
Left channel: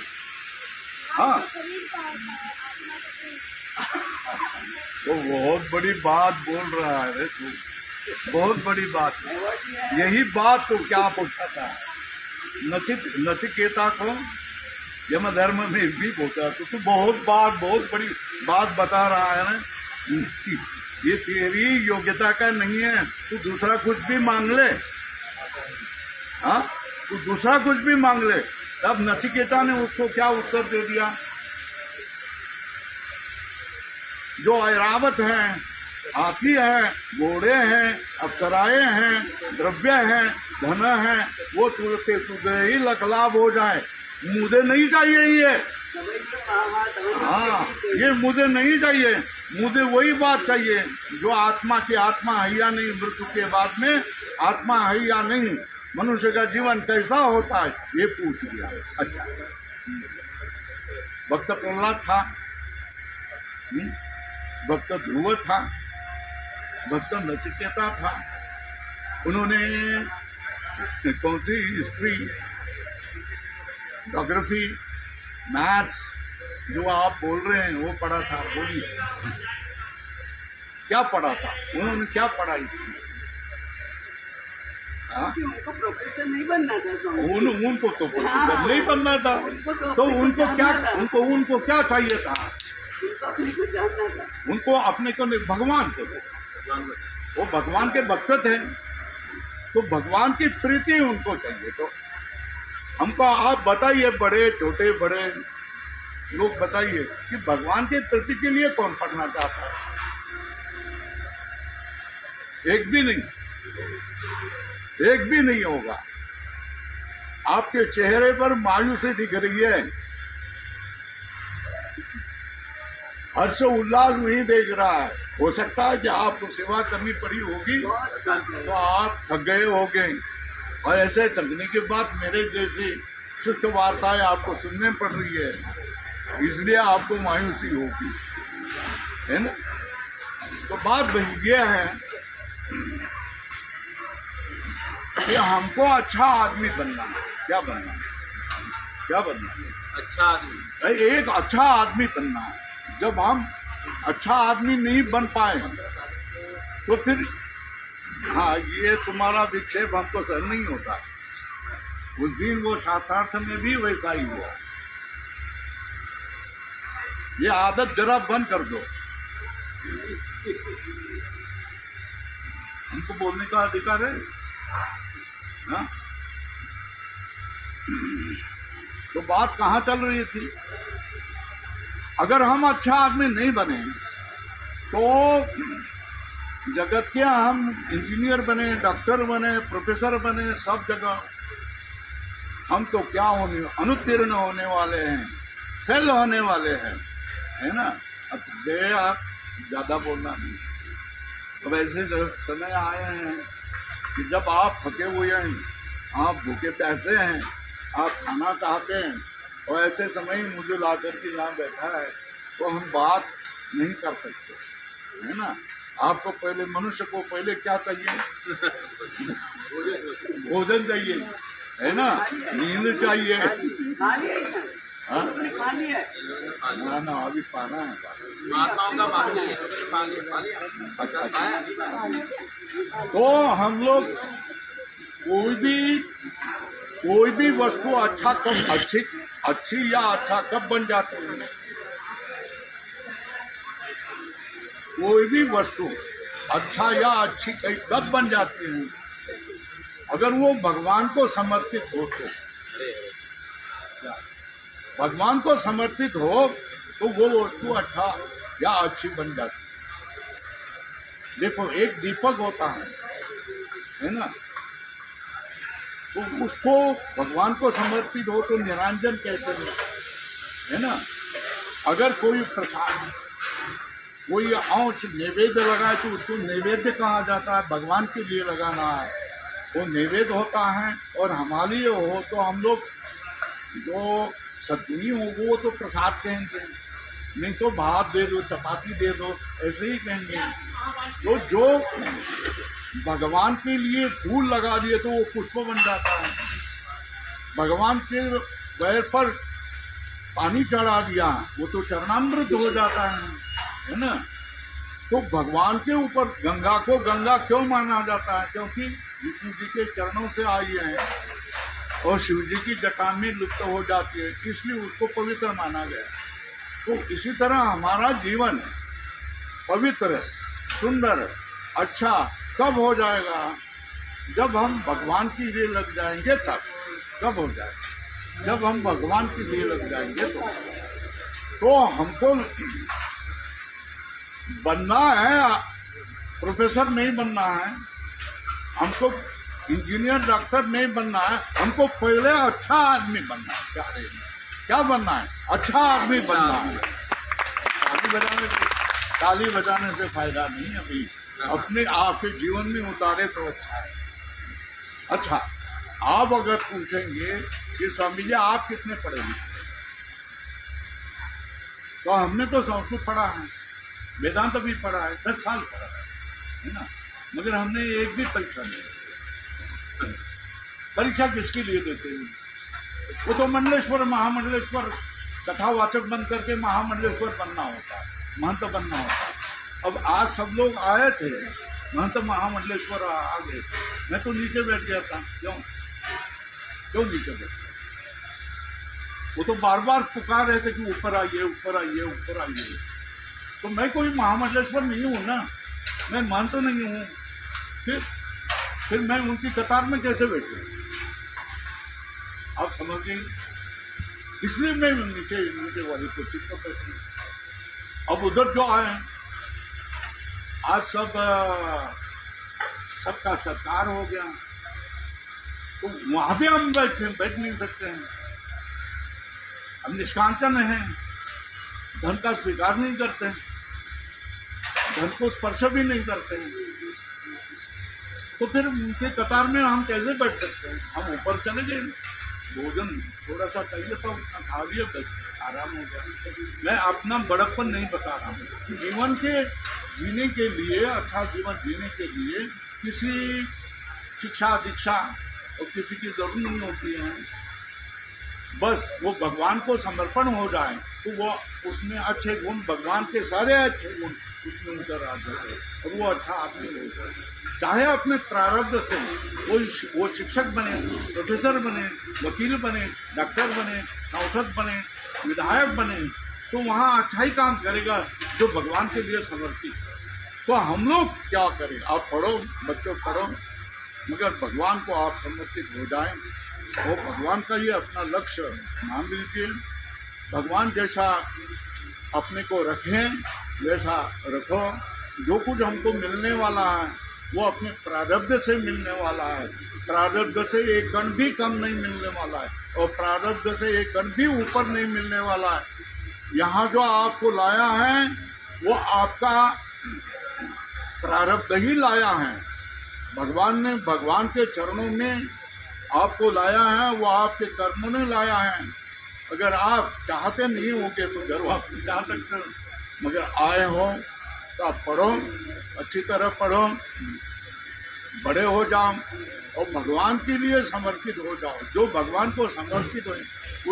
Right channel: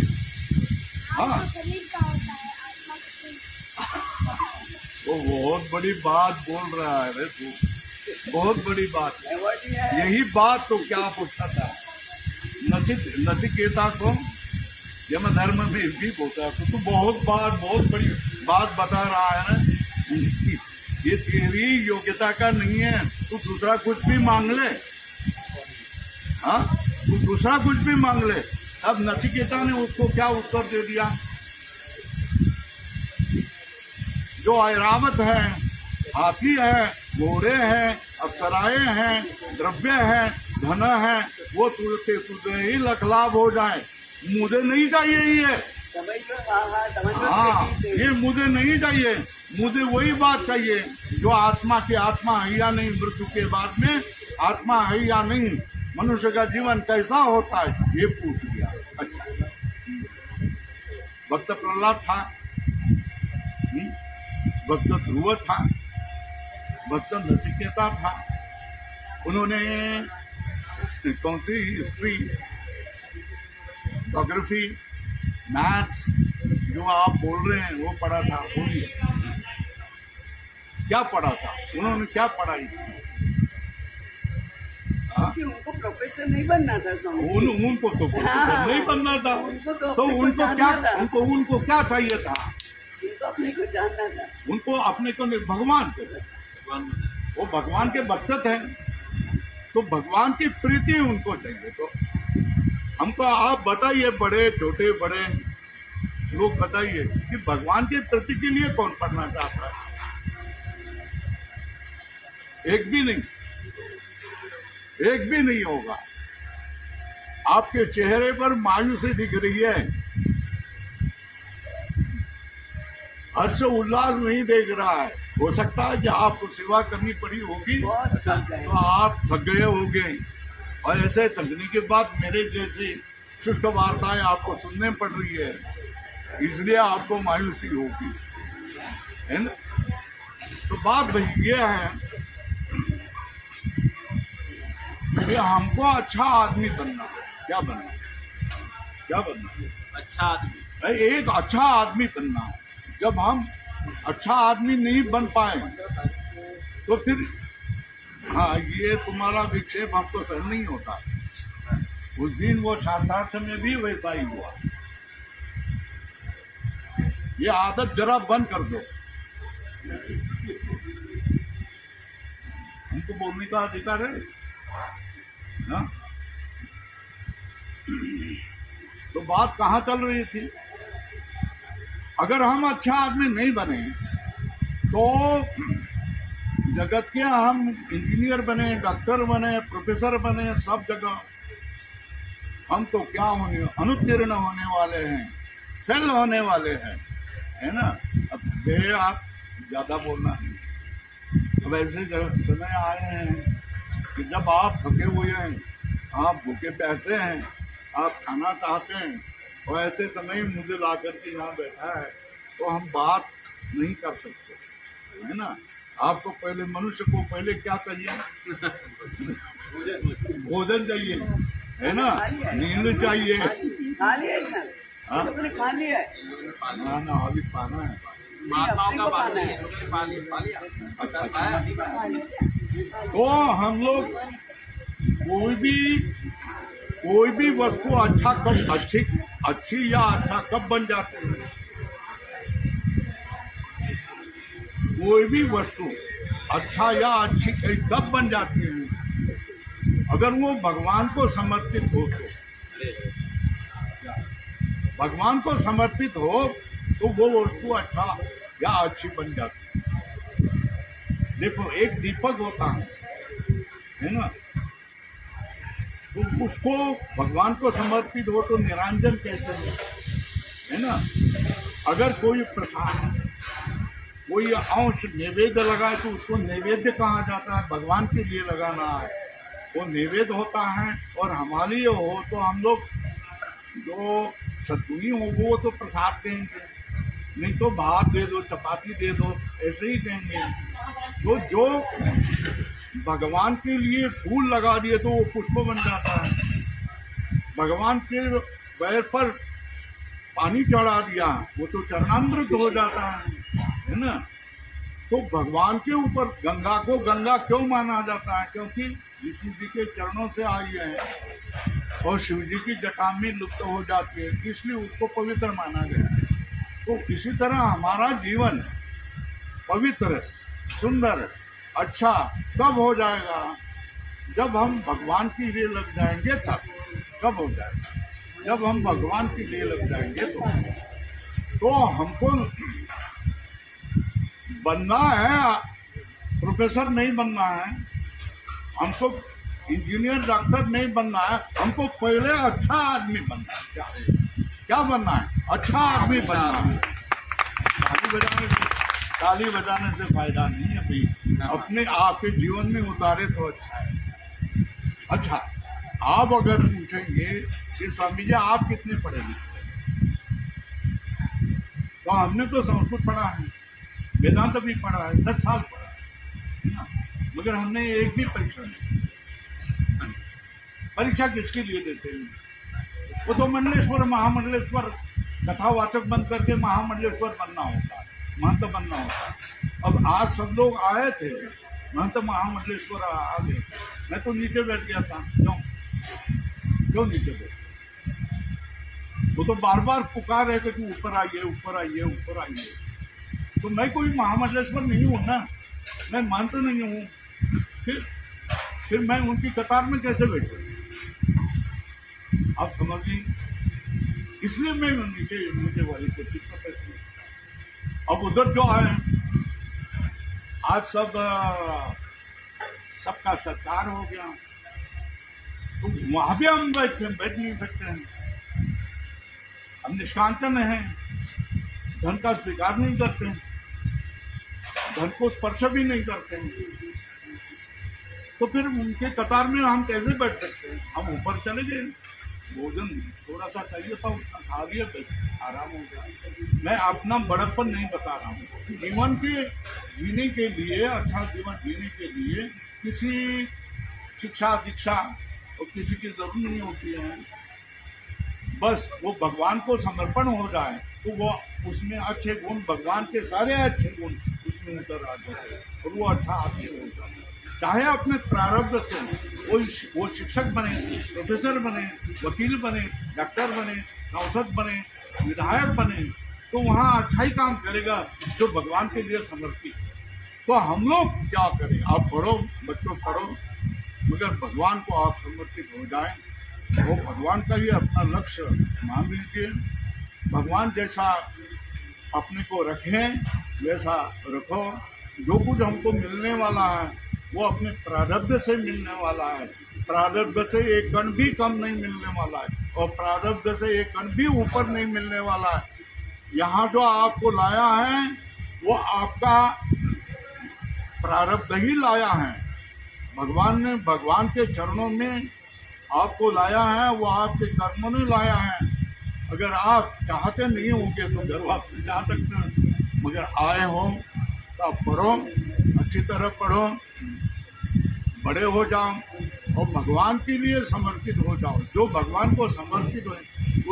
हाँ, वो बहुत बड़ी बात बोल रहा है रे तू, बहुत बड़ी बात है। यही बात तो क्या पूछा था नचिकेता को यम धर्म में भी बोलता है। तो बहुत बड़ी बात बता रहा है ना। ये तेरी योग्यता का नहीं है, तू दूसरा कुछ भी मांग ले। हाँ, तू दूसरा कुछ भी मांग ले। तब नचिकेता ने उसको क्या उत्तर दे दिया? जो ऐरावत है, हाथी है, घोड़े हैं, अप्सराएं हैं, द्रव्य है, धन है, वो तुझे ही लखलाभ हो जाए। मुझे नहीं चाहिए ये। हाँ, ये मुझे नहीं चाहिए। मुझे वही बात चाहिए जो आत्मा की आत्मा है या नहीं, मृत्यु के बाद में आत्मा है या नहीं, मनुष्य का जीवन कैसा होता है, ये पूछ लिया। अच्छा, भक्त प्रहलाद था, भक्त ध्रुव था, भक्त नचिकेता था। उन्होंने कौन सी हिस्ट्री, ज्योग्राफी, मैथ्स जो आप बोल रहे हैं वो पढ़ा था? बोलिए क्या पढ़ा था? उन्होंने क्या पढ़ाई थी? उनको प्रोफेसर नहीं बनना था स्वामी। उनको तो प्रोफेसर नहीं बनना था। तो उनको क्या चाहिए था? उनको अपने को जानना था। उनको अपने को भगवान को, वो भगवान के भक्त थे, तो भगवान की प्रीति उनको चाहिए। तो हमको आप बताइए, बड़े छोटे बड़े लोग बताइए कि भगवान के प्रति के लिए कौन पढ़ना चाहता है? एक भी नहीं, एक भी नहीं होगा। आपके चेहरे पर मायूसी दिख रही है, हर्ष उल्लास नहीं देख रहा है। हो सकता है कि आपको सेवा करनी पड़ी होगी तो आप थक गए होंगे, और ऐसे थकने के बाद मेरे जैसी शुष्क वार्ताएं आपको सुनने पड़ रही है, इसलिए आपको मायूसी होगी, है ना। तो बात भाई ये है कि हमको अच्छा आदमी बनना है। क्या बनना है? क्या बनना है? अच्छा आदमी, एक अच्छा आदमी बनना है। जब हम अच्छा आदमी नहीं बन पाए तो फिर हाँ, ये तुम्हारा विक्षेप हमको सहन नहीं होता। उस दिन वो शास्त्रार्थ में भी वैसा ही हुआ। ये आदत जरा बंद कर दो। हमको बोलने का अधिकार है ना? तो बात कहाँ चल रही थी? अगर हम अच्छा आदमी नहीं बने तो जगत के हम इंजीनियर बने, डॉक्टर बने, प्रोफेसर बने, सब जगह हम तो क्या होने, अनुत्तीर्ण होने वाले हैं, फेल होने वाले हैं, है ना। अब बे आप ज्यादा बोलना नहीं। अब ऐसे समय आए हैं कि जब आप थके हुए हैं, आप भूखे प्यासे हैं, आप खाना चाहते हैं, और ऐसे समय मुझे ला करके यहाँ बैठा है तो हम बात नहीं कर सकते, है ना। आपको पहले, मनुष्य को पहले क्या चाहिए? भोजन चाहिए, है ना, नींद चाहिए। खा लिया है सर? हाँ? तुमने खा लिया है? ना अभी पाना है। महात्माओं का पाना है। अच्छा, तो हम लोग कोई भी वस्तु अच्छा कब अच्छी या अच्छा कब बन जाती है? कोई भी वस्तु अच्छा या अच्छी कब बन जाती है? अगर वो भगवान को समर्पित हो तो। भगवान को समर्पित हो तो वो वस्तु अच्छा या अच्छी बन जाती है। देखो, एक दीपक होता है ना, तो उसको भगवान को समर्पित हो तो निरंजन कहते हैं, है ना। अगर कोई प्रसाद, कोई अंश नैवेद्य लगाए तो उसको नैवेद्य कहा जाता है। भगवान के लिए लगाना है वो नैवेद्य होता है, और हमारे लिए हो तो हम लोग जो सतुनी हो वो तो प्रसाद कहेंगे, नहीं तो भात दे दो, चपाती दे दो, ऐसे ही कहेंगे। तो जो भगवान के लिए फूल लगा दिए तो वो पुष्प बन जाता है। भगवान के पैर पर पानी चढ़ा दिया वो तो चरणामृत हो जाता है ना। तो भगवान के ऊपर गंगा को गंगा क्यों माना जाता है? क्योंकि विष्णु जी के चरणों से आई है और शिव जी की जटा में लुप्त हो जाती है, इसलिए उसको पवित्र माना गया। तो इसी तरह हमारा जीवन पवित्र, सुंदर, अच्छा कब हो जाएगा? जब हम भगवान की लिए लग जाएंगे तब। कब हो जाएगा? जब हम भगवान की लिए लग जाएंगे तो हमको बनना है, प्रोफेसर नहीं बनना है, हमको इंजीनियर डॉक्टर नहीं बनना है, हमको पहले अच्छा आदमी बनना है। क्या बनना है? अच्छा आदमी बनना है। ताली बजाने से फायदा नहीं है भाई, अपने आपके जीवन में उतारे तो अच्छा है। अच्छा, आप अगर पूछेंगे कि स्वामी जी आप कितने पढ़े लिखे, तो हमने तो संस्कृत पढ़ा है, वेदांत भी पढ़ा है, 10 साल पढ़ा है ना, मगर हमने एक भी परीक्षा नहीं। परीक्षा किसके लिए देते हैं? वो तो मंडलेश्वर, महामंडलेश्वर कथावाचक बन करके महामंडलेश्वर बनना होता है, महंत बनना होता है। अब आज सब लोग आए थे, महंत महामंडलेश्वर आ गए, मैं तो नीचे बैठ गया था। क्यों नीचे बैठ? वो तो बार बार पुकार रहे थे कि ऊपर आइए, ऊपर आइए, ऊपर आइए। तो मैं कोई महामंडलेश्वर नहीं हूँ ना, मैं महंत नहीं हूँ, फिर मैं उनकी कतार में कैसे बैठूँ? आप समझिए, इसलिए मैं नीचे वाली कुर्सी पर बैठी। अब उधर जो आए, आज सबका सत्कार हो गया, तो वहां भी हम बैठ नहीं सकते हैं। हम निष्कांचन हैं, धन का स्वीकार नहीं करते हैं, धन को स्पर्श भी नहीं करते हैं, तो फिर उनके कतार में हम कैसे बैठ सकते हैं? हम ऊपर चले गए, भोजन थोड़ा सा चाहिए था, उतना खा लिया, बस आराम हो गया। मैं अपना बड़प्पन नहीं बता रहा हूँ। जीवन के जीने के लिए, अच्छा जीवन जीने के लिए किसी शिक्षा दीक्षा और किसी की जरूरत नहीं होती है। बस वो भगवान को समर्पण हो जाए तो वो उसमें अच्छे गुण, भगवान के सारे अच्छे गुण उसमें उतर आ जाए और वो अच्छा आदमी हो जाए। चाहे अपने प्रारब्ध से वो शिक्षक बने, प्रोफेसर बने, वकील बने, डॉक्टर बने, सांसद बने, विधायक बने, तो वहाँ अच्छा ही काम करेगा जो भगवान के लिए समर्पित है। तो हम लोग क्या करें? आप पढ़ो, बच्चों पढ़ो, मगर भगवान को आप समर्पित हो जाएं, वो भगवान का ही अपना लक्ष्य मान लीजिए। भगवान जैसा अपने को रखें वैसा रखो। जो कुछ हमको मिलने वाला है वो अपने प्रारब्ध से मिलने वाला है। प्रारब्ध से एक कण भी कम नहीं मिलने वाला है और प्रारब्ध से एक कण भी ऊपर नहीं मिलने वाला है। यहाँ जो आपको लाया है वो आपका प्रारब्ध ही लाया है। भगवान ने, भगवान के चरणों में आपको लाया है, वो आपके कर्मों ने लाया है। अगर आप चाहते नहीं होंगे तो घर वापस जा सकते हैं, मगर आए हो तो आप पढ़ो, अच्छी तरह पढ़ो, बड़े हो जाओ और भगवान के लिए समर्पित हो जाओ। जो भगवान को समर्पित हो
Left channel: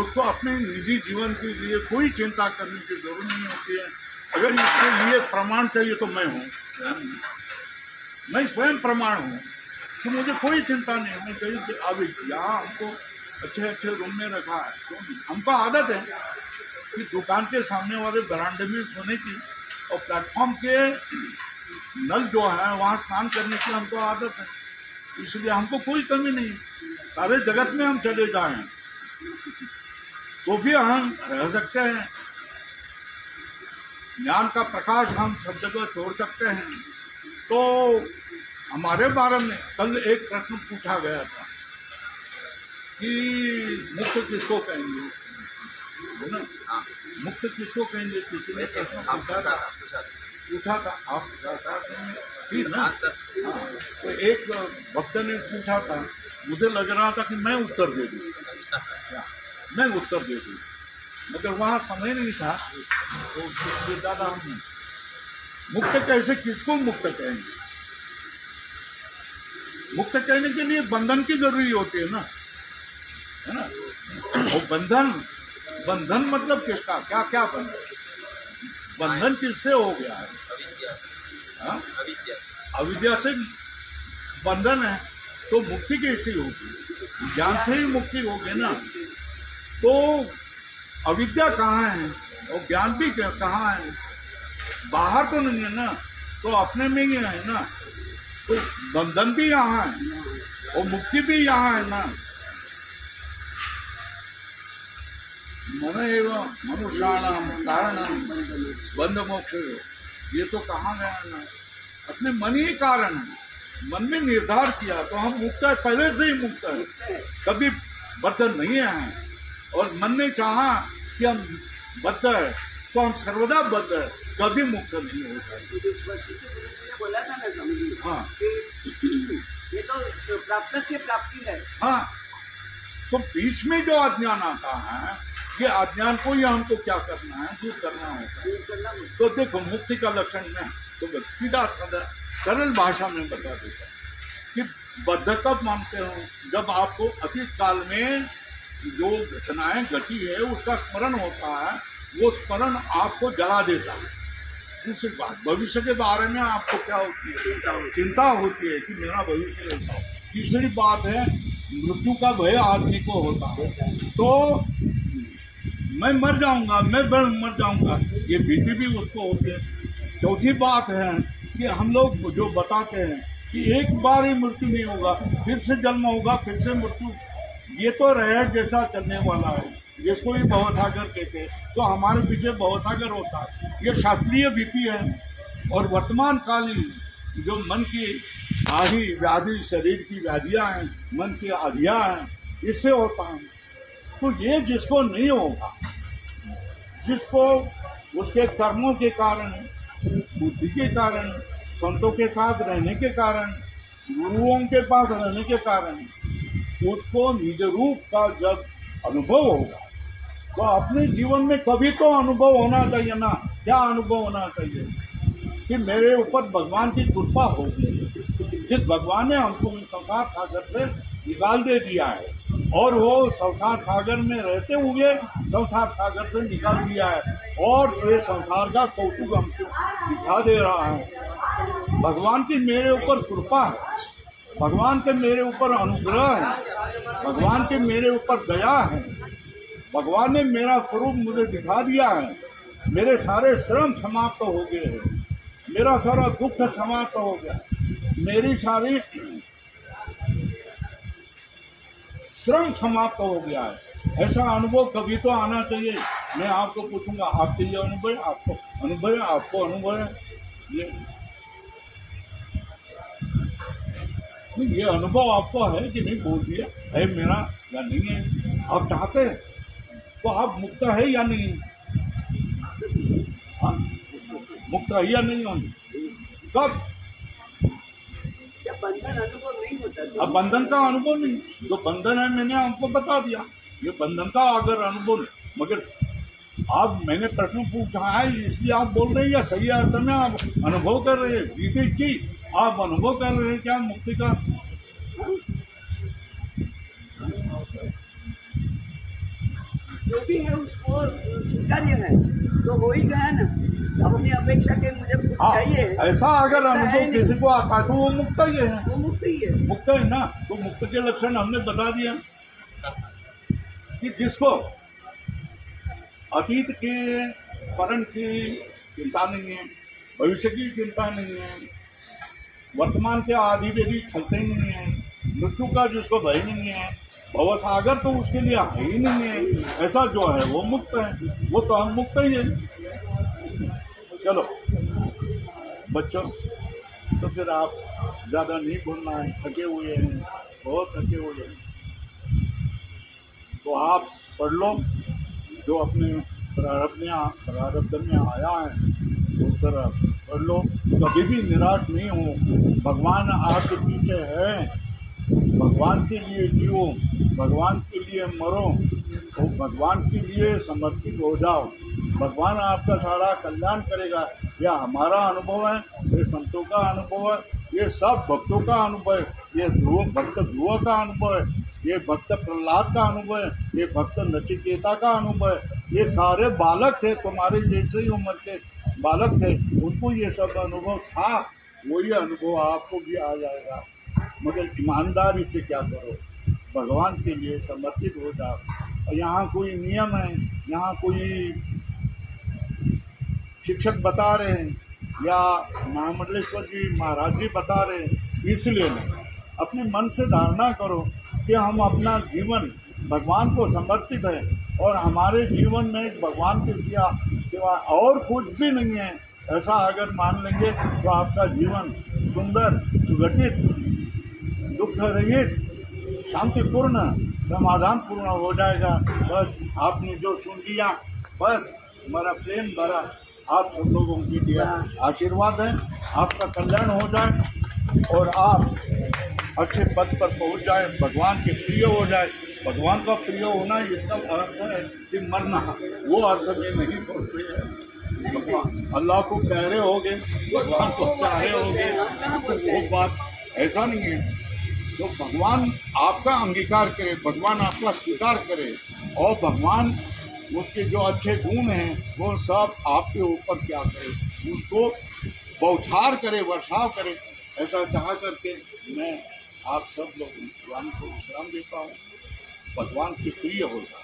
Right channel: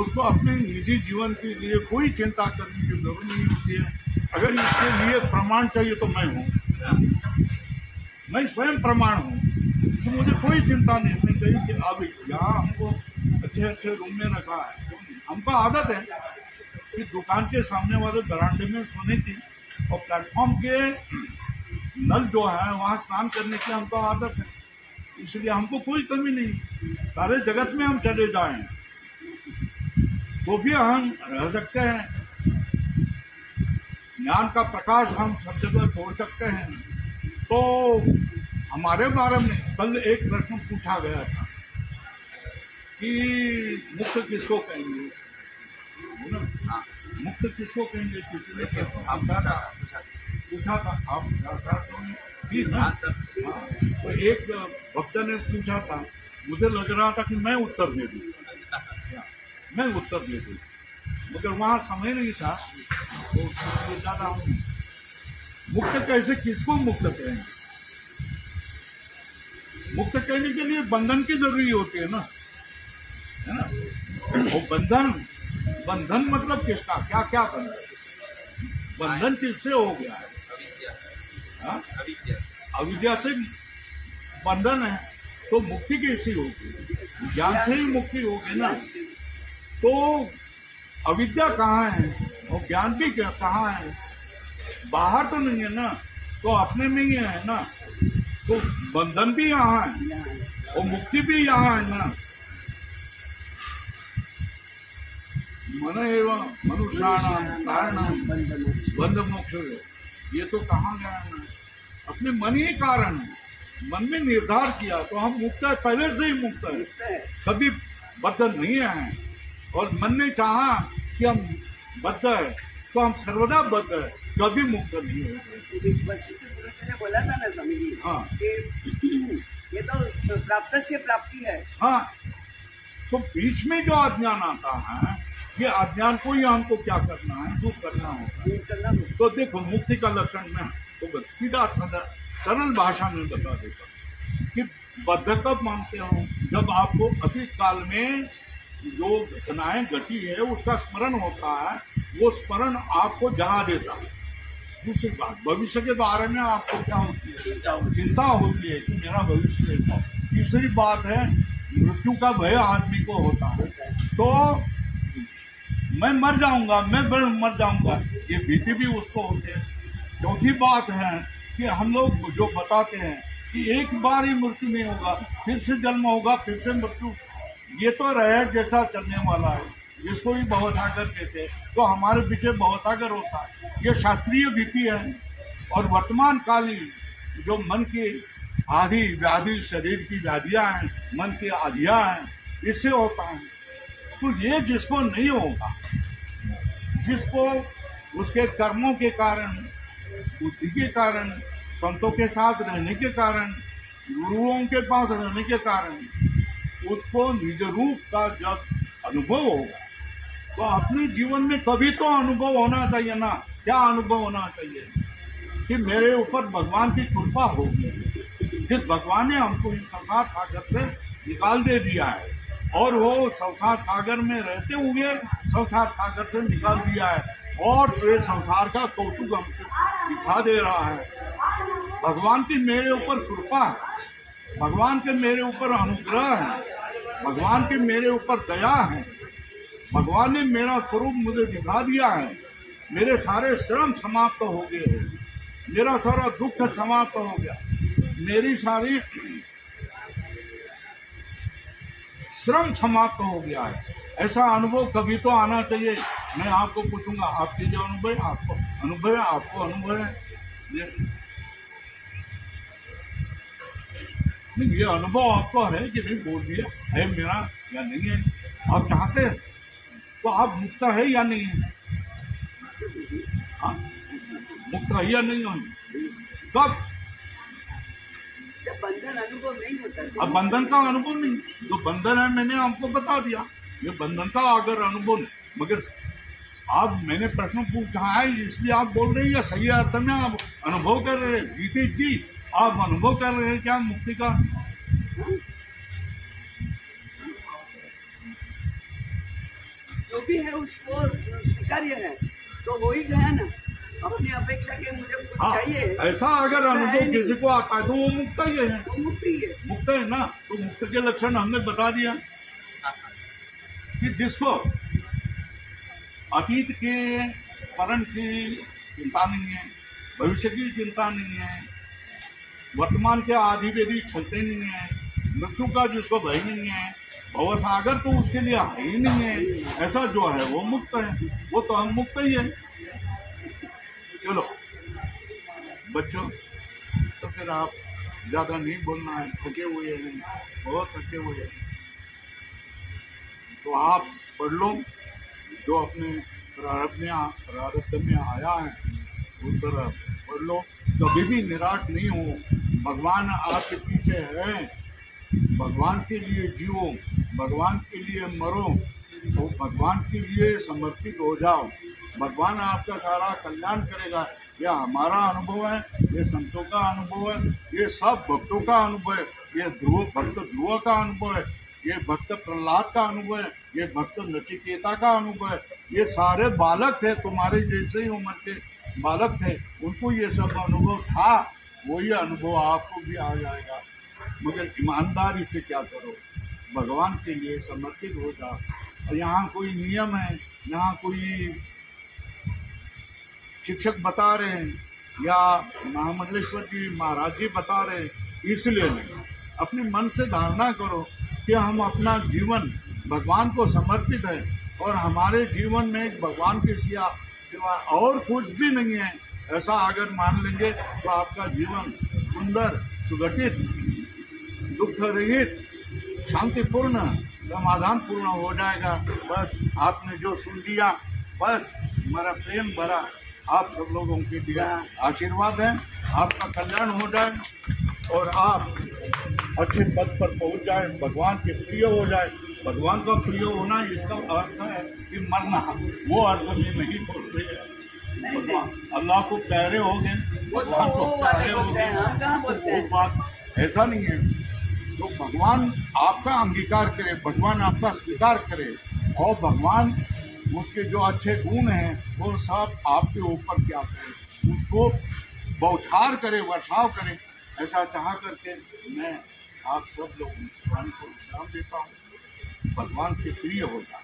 उसको अपने निजी जीवन के लिए कोई चिंता करने की जरूरत नहीं होती है। अगर इसके लिए प्रमाण चाहिए तो मैं हूँ, मैं स्वयं प्रमाण हूँ, तो मुझे कोई चिंता नहीं। मैं कहीं अब यहाँ हमको अच्छे रूम में रखा है, तो हमको आदत है कि दुकान के सामने वाले बरामदे में सोने की और प्लेटफॉर्म के नल जो है वहाँ स्नान करने की हमको आदत है, इसलिए हमको कोई कमी नहीं। सारे जगत में हम चले जाएं तो भी हम रह सकते हैं। ज्ञान का प्रकाश हम सब जगह छोड़ सकते हैं। तो हमारे बारे में कल एक प्रश्न पूछा गया था कि मुक्त किसको कहेंगे, है ना? हाँ, मुक्त किसको कहेंगे? किसी ने पूछा था, आप थी ना? हाँ, तो एक भक्त ने पूछा था, मुझे लग रहा था कि मैं उत्तर दे दूँ, मैं उत्तर दे दूँ, मगर वहाँ समय नहीं था, तो उसके ज़्यादा हम मुक्त कैसे, किसको मुक्त कहेंगे? मुक्त कहने के लिए बंधन की जरूरी होती है ना, है ना? और बंधन मतलब किसका, क्या क्या बंधन किससे हो गया है? अविद्या से बंधन है, तो मुक्ति कैसी होगी? ज्ञान से ही मुक्ति होगी ना। तो अविद्या कहाँ है और ज्ञान भी कहाँ है? बाहर तो नहीं है ना, तो अपने में ही है ना। तो बंधन भी यहाँ है और मुक्ति भी यहाँ है ना। मन एवं मनुष्याणाम कारणम बंध मोक्ष, ये तो कहाँ गया ना, अपने मन ही कारण है। मन में निर्धार किया तो हम मुक्त है, पहले से ही मुक्त है, कभी बद्ध नहीं है। और मन ने चाहा कि हम बद्ध है तो हम सर्वदा बद्ध है, कभी मुक्त नहीं हो जाए। बोला था ना स्वामी, हाँ, ये तो प्राप्त से प्राप्ति है। हाँ, तो बीच में जो अज्ञान आता है, ये अज्ञान को ही हमको क्या करना है? दूर करना होगा। तो देखो मुक्ति का लक्षण में तो सीधा सरल भाषा में बता देता कि बद्ध कब मानते हो? जब आपको अतीत काल में जो घटनाएं घटी है उसका स्मरण होता है, वो स्मरण आपको जला देता है। दूसरी बात, भविष्य के बारे में आपको क्या होती है? चिंता होती है कि मेरा भविष्य ऐसा हो। तीसरी बात है, मृत्यु का भय आदमी को होता है, तो मैं मर जाऊंगा, मैं मर जाऊंगा, ये भीति भी उसको होती है। चौथी बात है कि हम लोग जो बताते हैं कि एक बार ही मृत्यु नहीं होगा, फिर से जन्म होगा, फिर से मृत्यु, ये तो रह जैसा चलने वाला है, जिसको भी भवसागर कहते हैं, तो हमारे पीछे भवसागर होता है। ये शास्त्रीय विधि है। और वर्तमान कालीन जो मन की आदि व्याधि, शरीर की व्याधियां हैं, मन की आधियां हैं, इससे होता है। तो ये जिसको नहीं होगा, जिसको उसके कर्मों के कारण, बुद्धि के कारण, संतों के साथ रहने के कारण, गुरुओं के पास रहने के कारण, उसको निज रूप का जब अनुभव होगा, तो अपने जीवन में कभी तो अनुभव होना चाहिए ना। क्या अनुभव होना चाहिए कि मेरे ऊपर भगवान की कृपा होगी। जिस भगवान ने हमको इस संसार सागर से निकाल दे दिया है, और वो संसार सागर में रहते हुए संसार सागर से निकाल दिया है, और ये संसार का कौतुक हमको दिखा दे रहा है। भगवान की मेरे ऊपर कृपा है, भगवान के मेरे ऊपर अनुग्रह है, भगवान के मेरे ऊपर दया है। भगवान ने मेरा स्वरूप मुझे दिखा दिया है। मेरे सारे श्रम समाप्त हो गए हैं, मेरा सारा दुख समाप्त हो गया, मेरी सारी श्रम समाप्त हो गया है। ऐसा अनुभव कभी तो आना चाहिए। मैं आपको पूछूंगा, आपके ये अनुभव है? आपको अनुभव है? आपको अनुभव है? ये अनुभव आपको है कि नहीं? बोल दिया है मेरा या नहीं है। आप चाहते हैं तो आप मुक्त है या नहीं है? हाँ? मुक्त है या नहीं है? कब? बंधन अनुभव नहीं होता। अब बंधन का अनुभव नहीं, जो बंधन है मैंने आपको बता दिया। ये बंधन का अगर अनुभव नहीं, मगर आप, मैंने प्रश्न पूछा है इसलिए आप बोल रहे हैं, या सही अर्थ में आप अनुभव कर रहे हैं? गीते की आप अनुभव कर रहे हैं क्या मुक्ति का? जो भी है उसको स्वीकार्य है, तो हो ही गया ना। अपनी अपेक्षा के मुझे कुछ चाहिए, ऐसा अगर अनुभव किसी को आता है तो वो मुक्त ही है। वो मुक्ति है, मुक्त है ना। तो मुक्त के लक्षण हमने बता दिया कि जिसको अतीत के परम की चिंता नहीं है, भविष्य की चिंता नहीं है, वर्तमान के आदि वेदी चलते नहीं है, मृत्यु का जिसको भय नहीं है, भवसागर तो उसके लिए है ही नहीं है, ऐसा जो है वो मुक्त है। वो तो हम मुक्त ही है। चलो बच्चों, तो फिर आप ज्यादा नहीं बोलना है, थके हुए हैं, बहुत थके हुए हैं, तो आप पढ़ लो जो अपने प्रारब्ध में आया है, उस तरह पढ़ लो। कभी भी निराश नहीं हो। भगवान आपके पीछे है, भगवान के लिए जियो, भगवान के लिए मरो, तो भगवान के लिए समर्पित हो जाओ। भगवान आपका सारा कल्याण करेगा। यह हमारा अनुभव है, ये संतों का अनुभव है, ये सब भक्तों का अनुभव है, ये भक्त ध्रुव का अनुभव है, ये भक्त प्रहलाद का अनुभव है, ये भक्त नचिकेता का अनुभव है। ये सारे बालक थे, तुम्हारे जैसे ही उम्र के बालक थे, उनको ये सब अनुभव था। वही अनुभव आपको भी आ जाएगा, मगर ईमानदारी से क्या करो, भगवान के लिए समर्पित हो जाओ। और यहाँ कोई नियम है, यहाँ कोई शिक्षक बता रहे हैं या महामंडलेश्वर जी महाराज जी बता रहे हैं, इसलिए नहीं। अपने मन से धारणा करो कि हम अपना जीवन भगवान को समर्पित है, और हमारे जीवन में भगवान के सिवा और कुछ भी नहीं है। ऐसा अगर मान लेंगे तो आपका जीवन सुंदर, सुगठित, दुख रहित, शांतिपूर्ण, समाधान पूर्ण हो जाएगा। बस आपने जो सुन लिया, बस हमारा प्रेम भरा आप सब लोगों की दिया आशीर्वाद है। आपका कल्याण हो जाए और आप अच्छे पद पर पहुंच जाए, भगवान के प्रिय हो जाए। भगवान का प्रिय होना इसका अर्थ है कि मरना, वो अर्थ में नहीं बोलते हैं। भगवान अल्लाह को प्यारे होगे, भगवान को प्यारे होगे, वो बात ऐसा नहीं है। तो भगवान आपका अंगीकार करे, भगवान आपका स्वीकार करे, और भगवान उसके जो अच्छे गुण हैं वो सब आपके ऊपर क्या करे, उसको बौछार करे, वर्षाव करे। ऐसा चाह करके मैं आप सब लोग भगवान को विश्राम देता हूँ। भगवान के प्रिय होगा।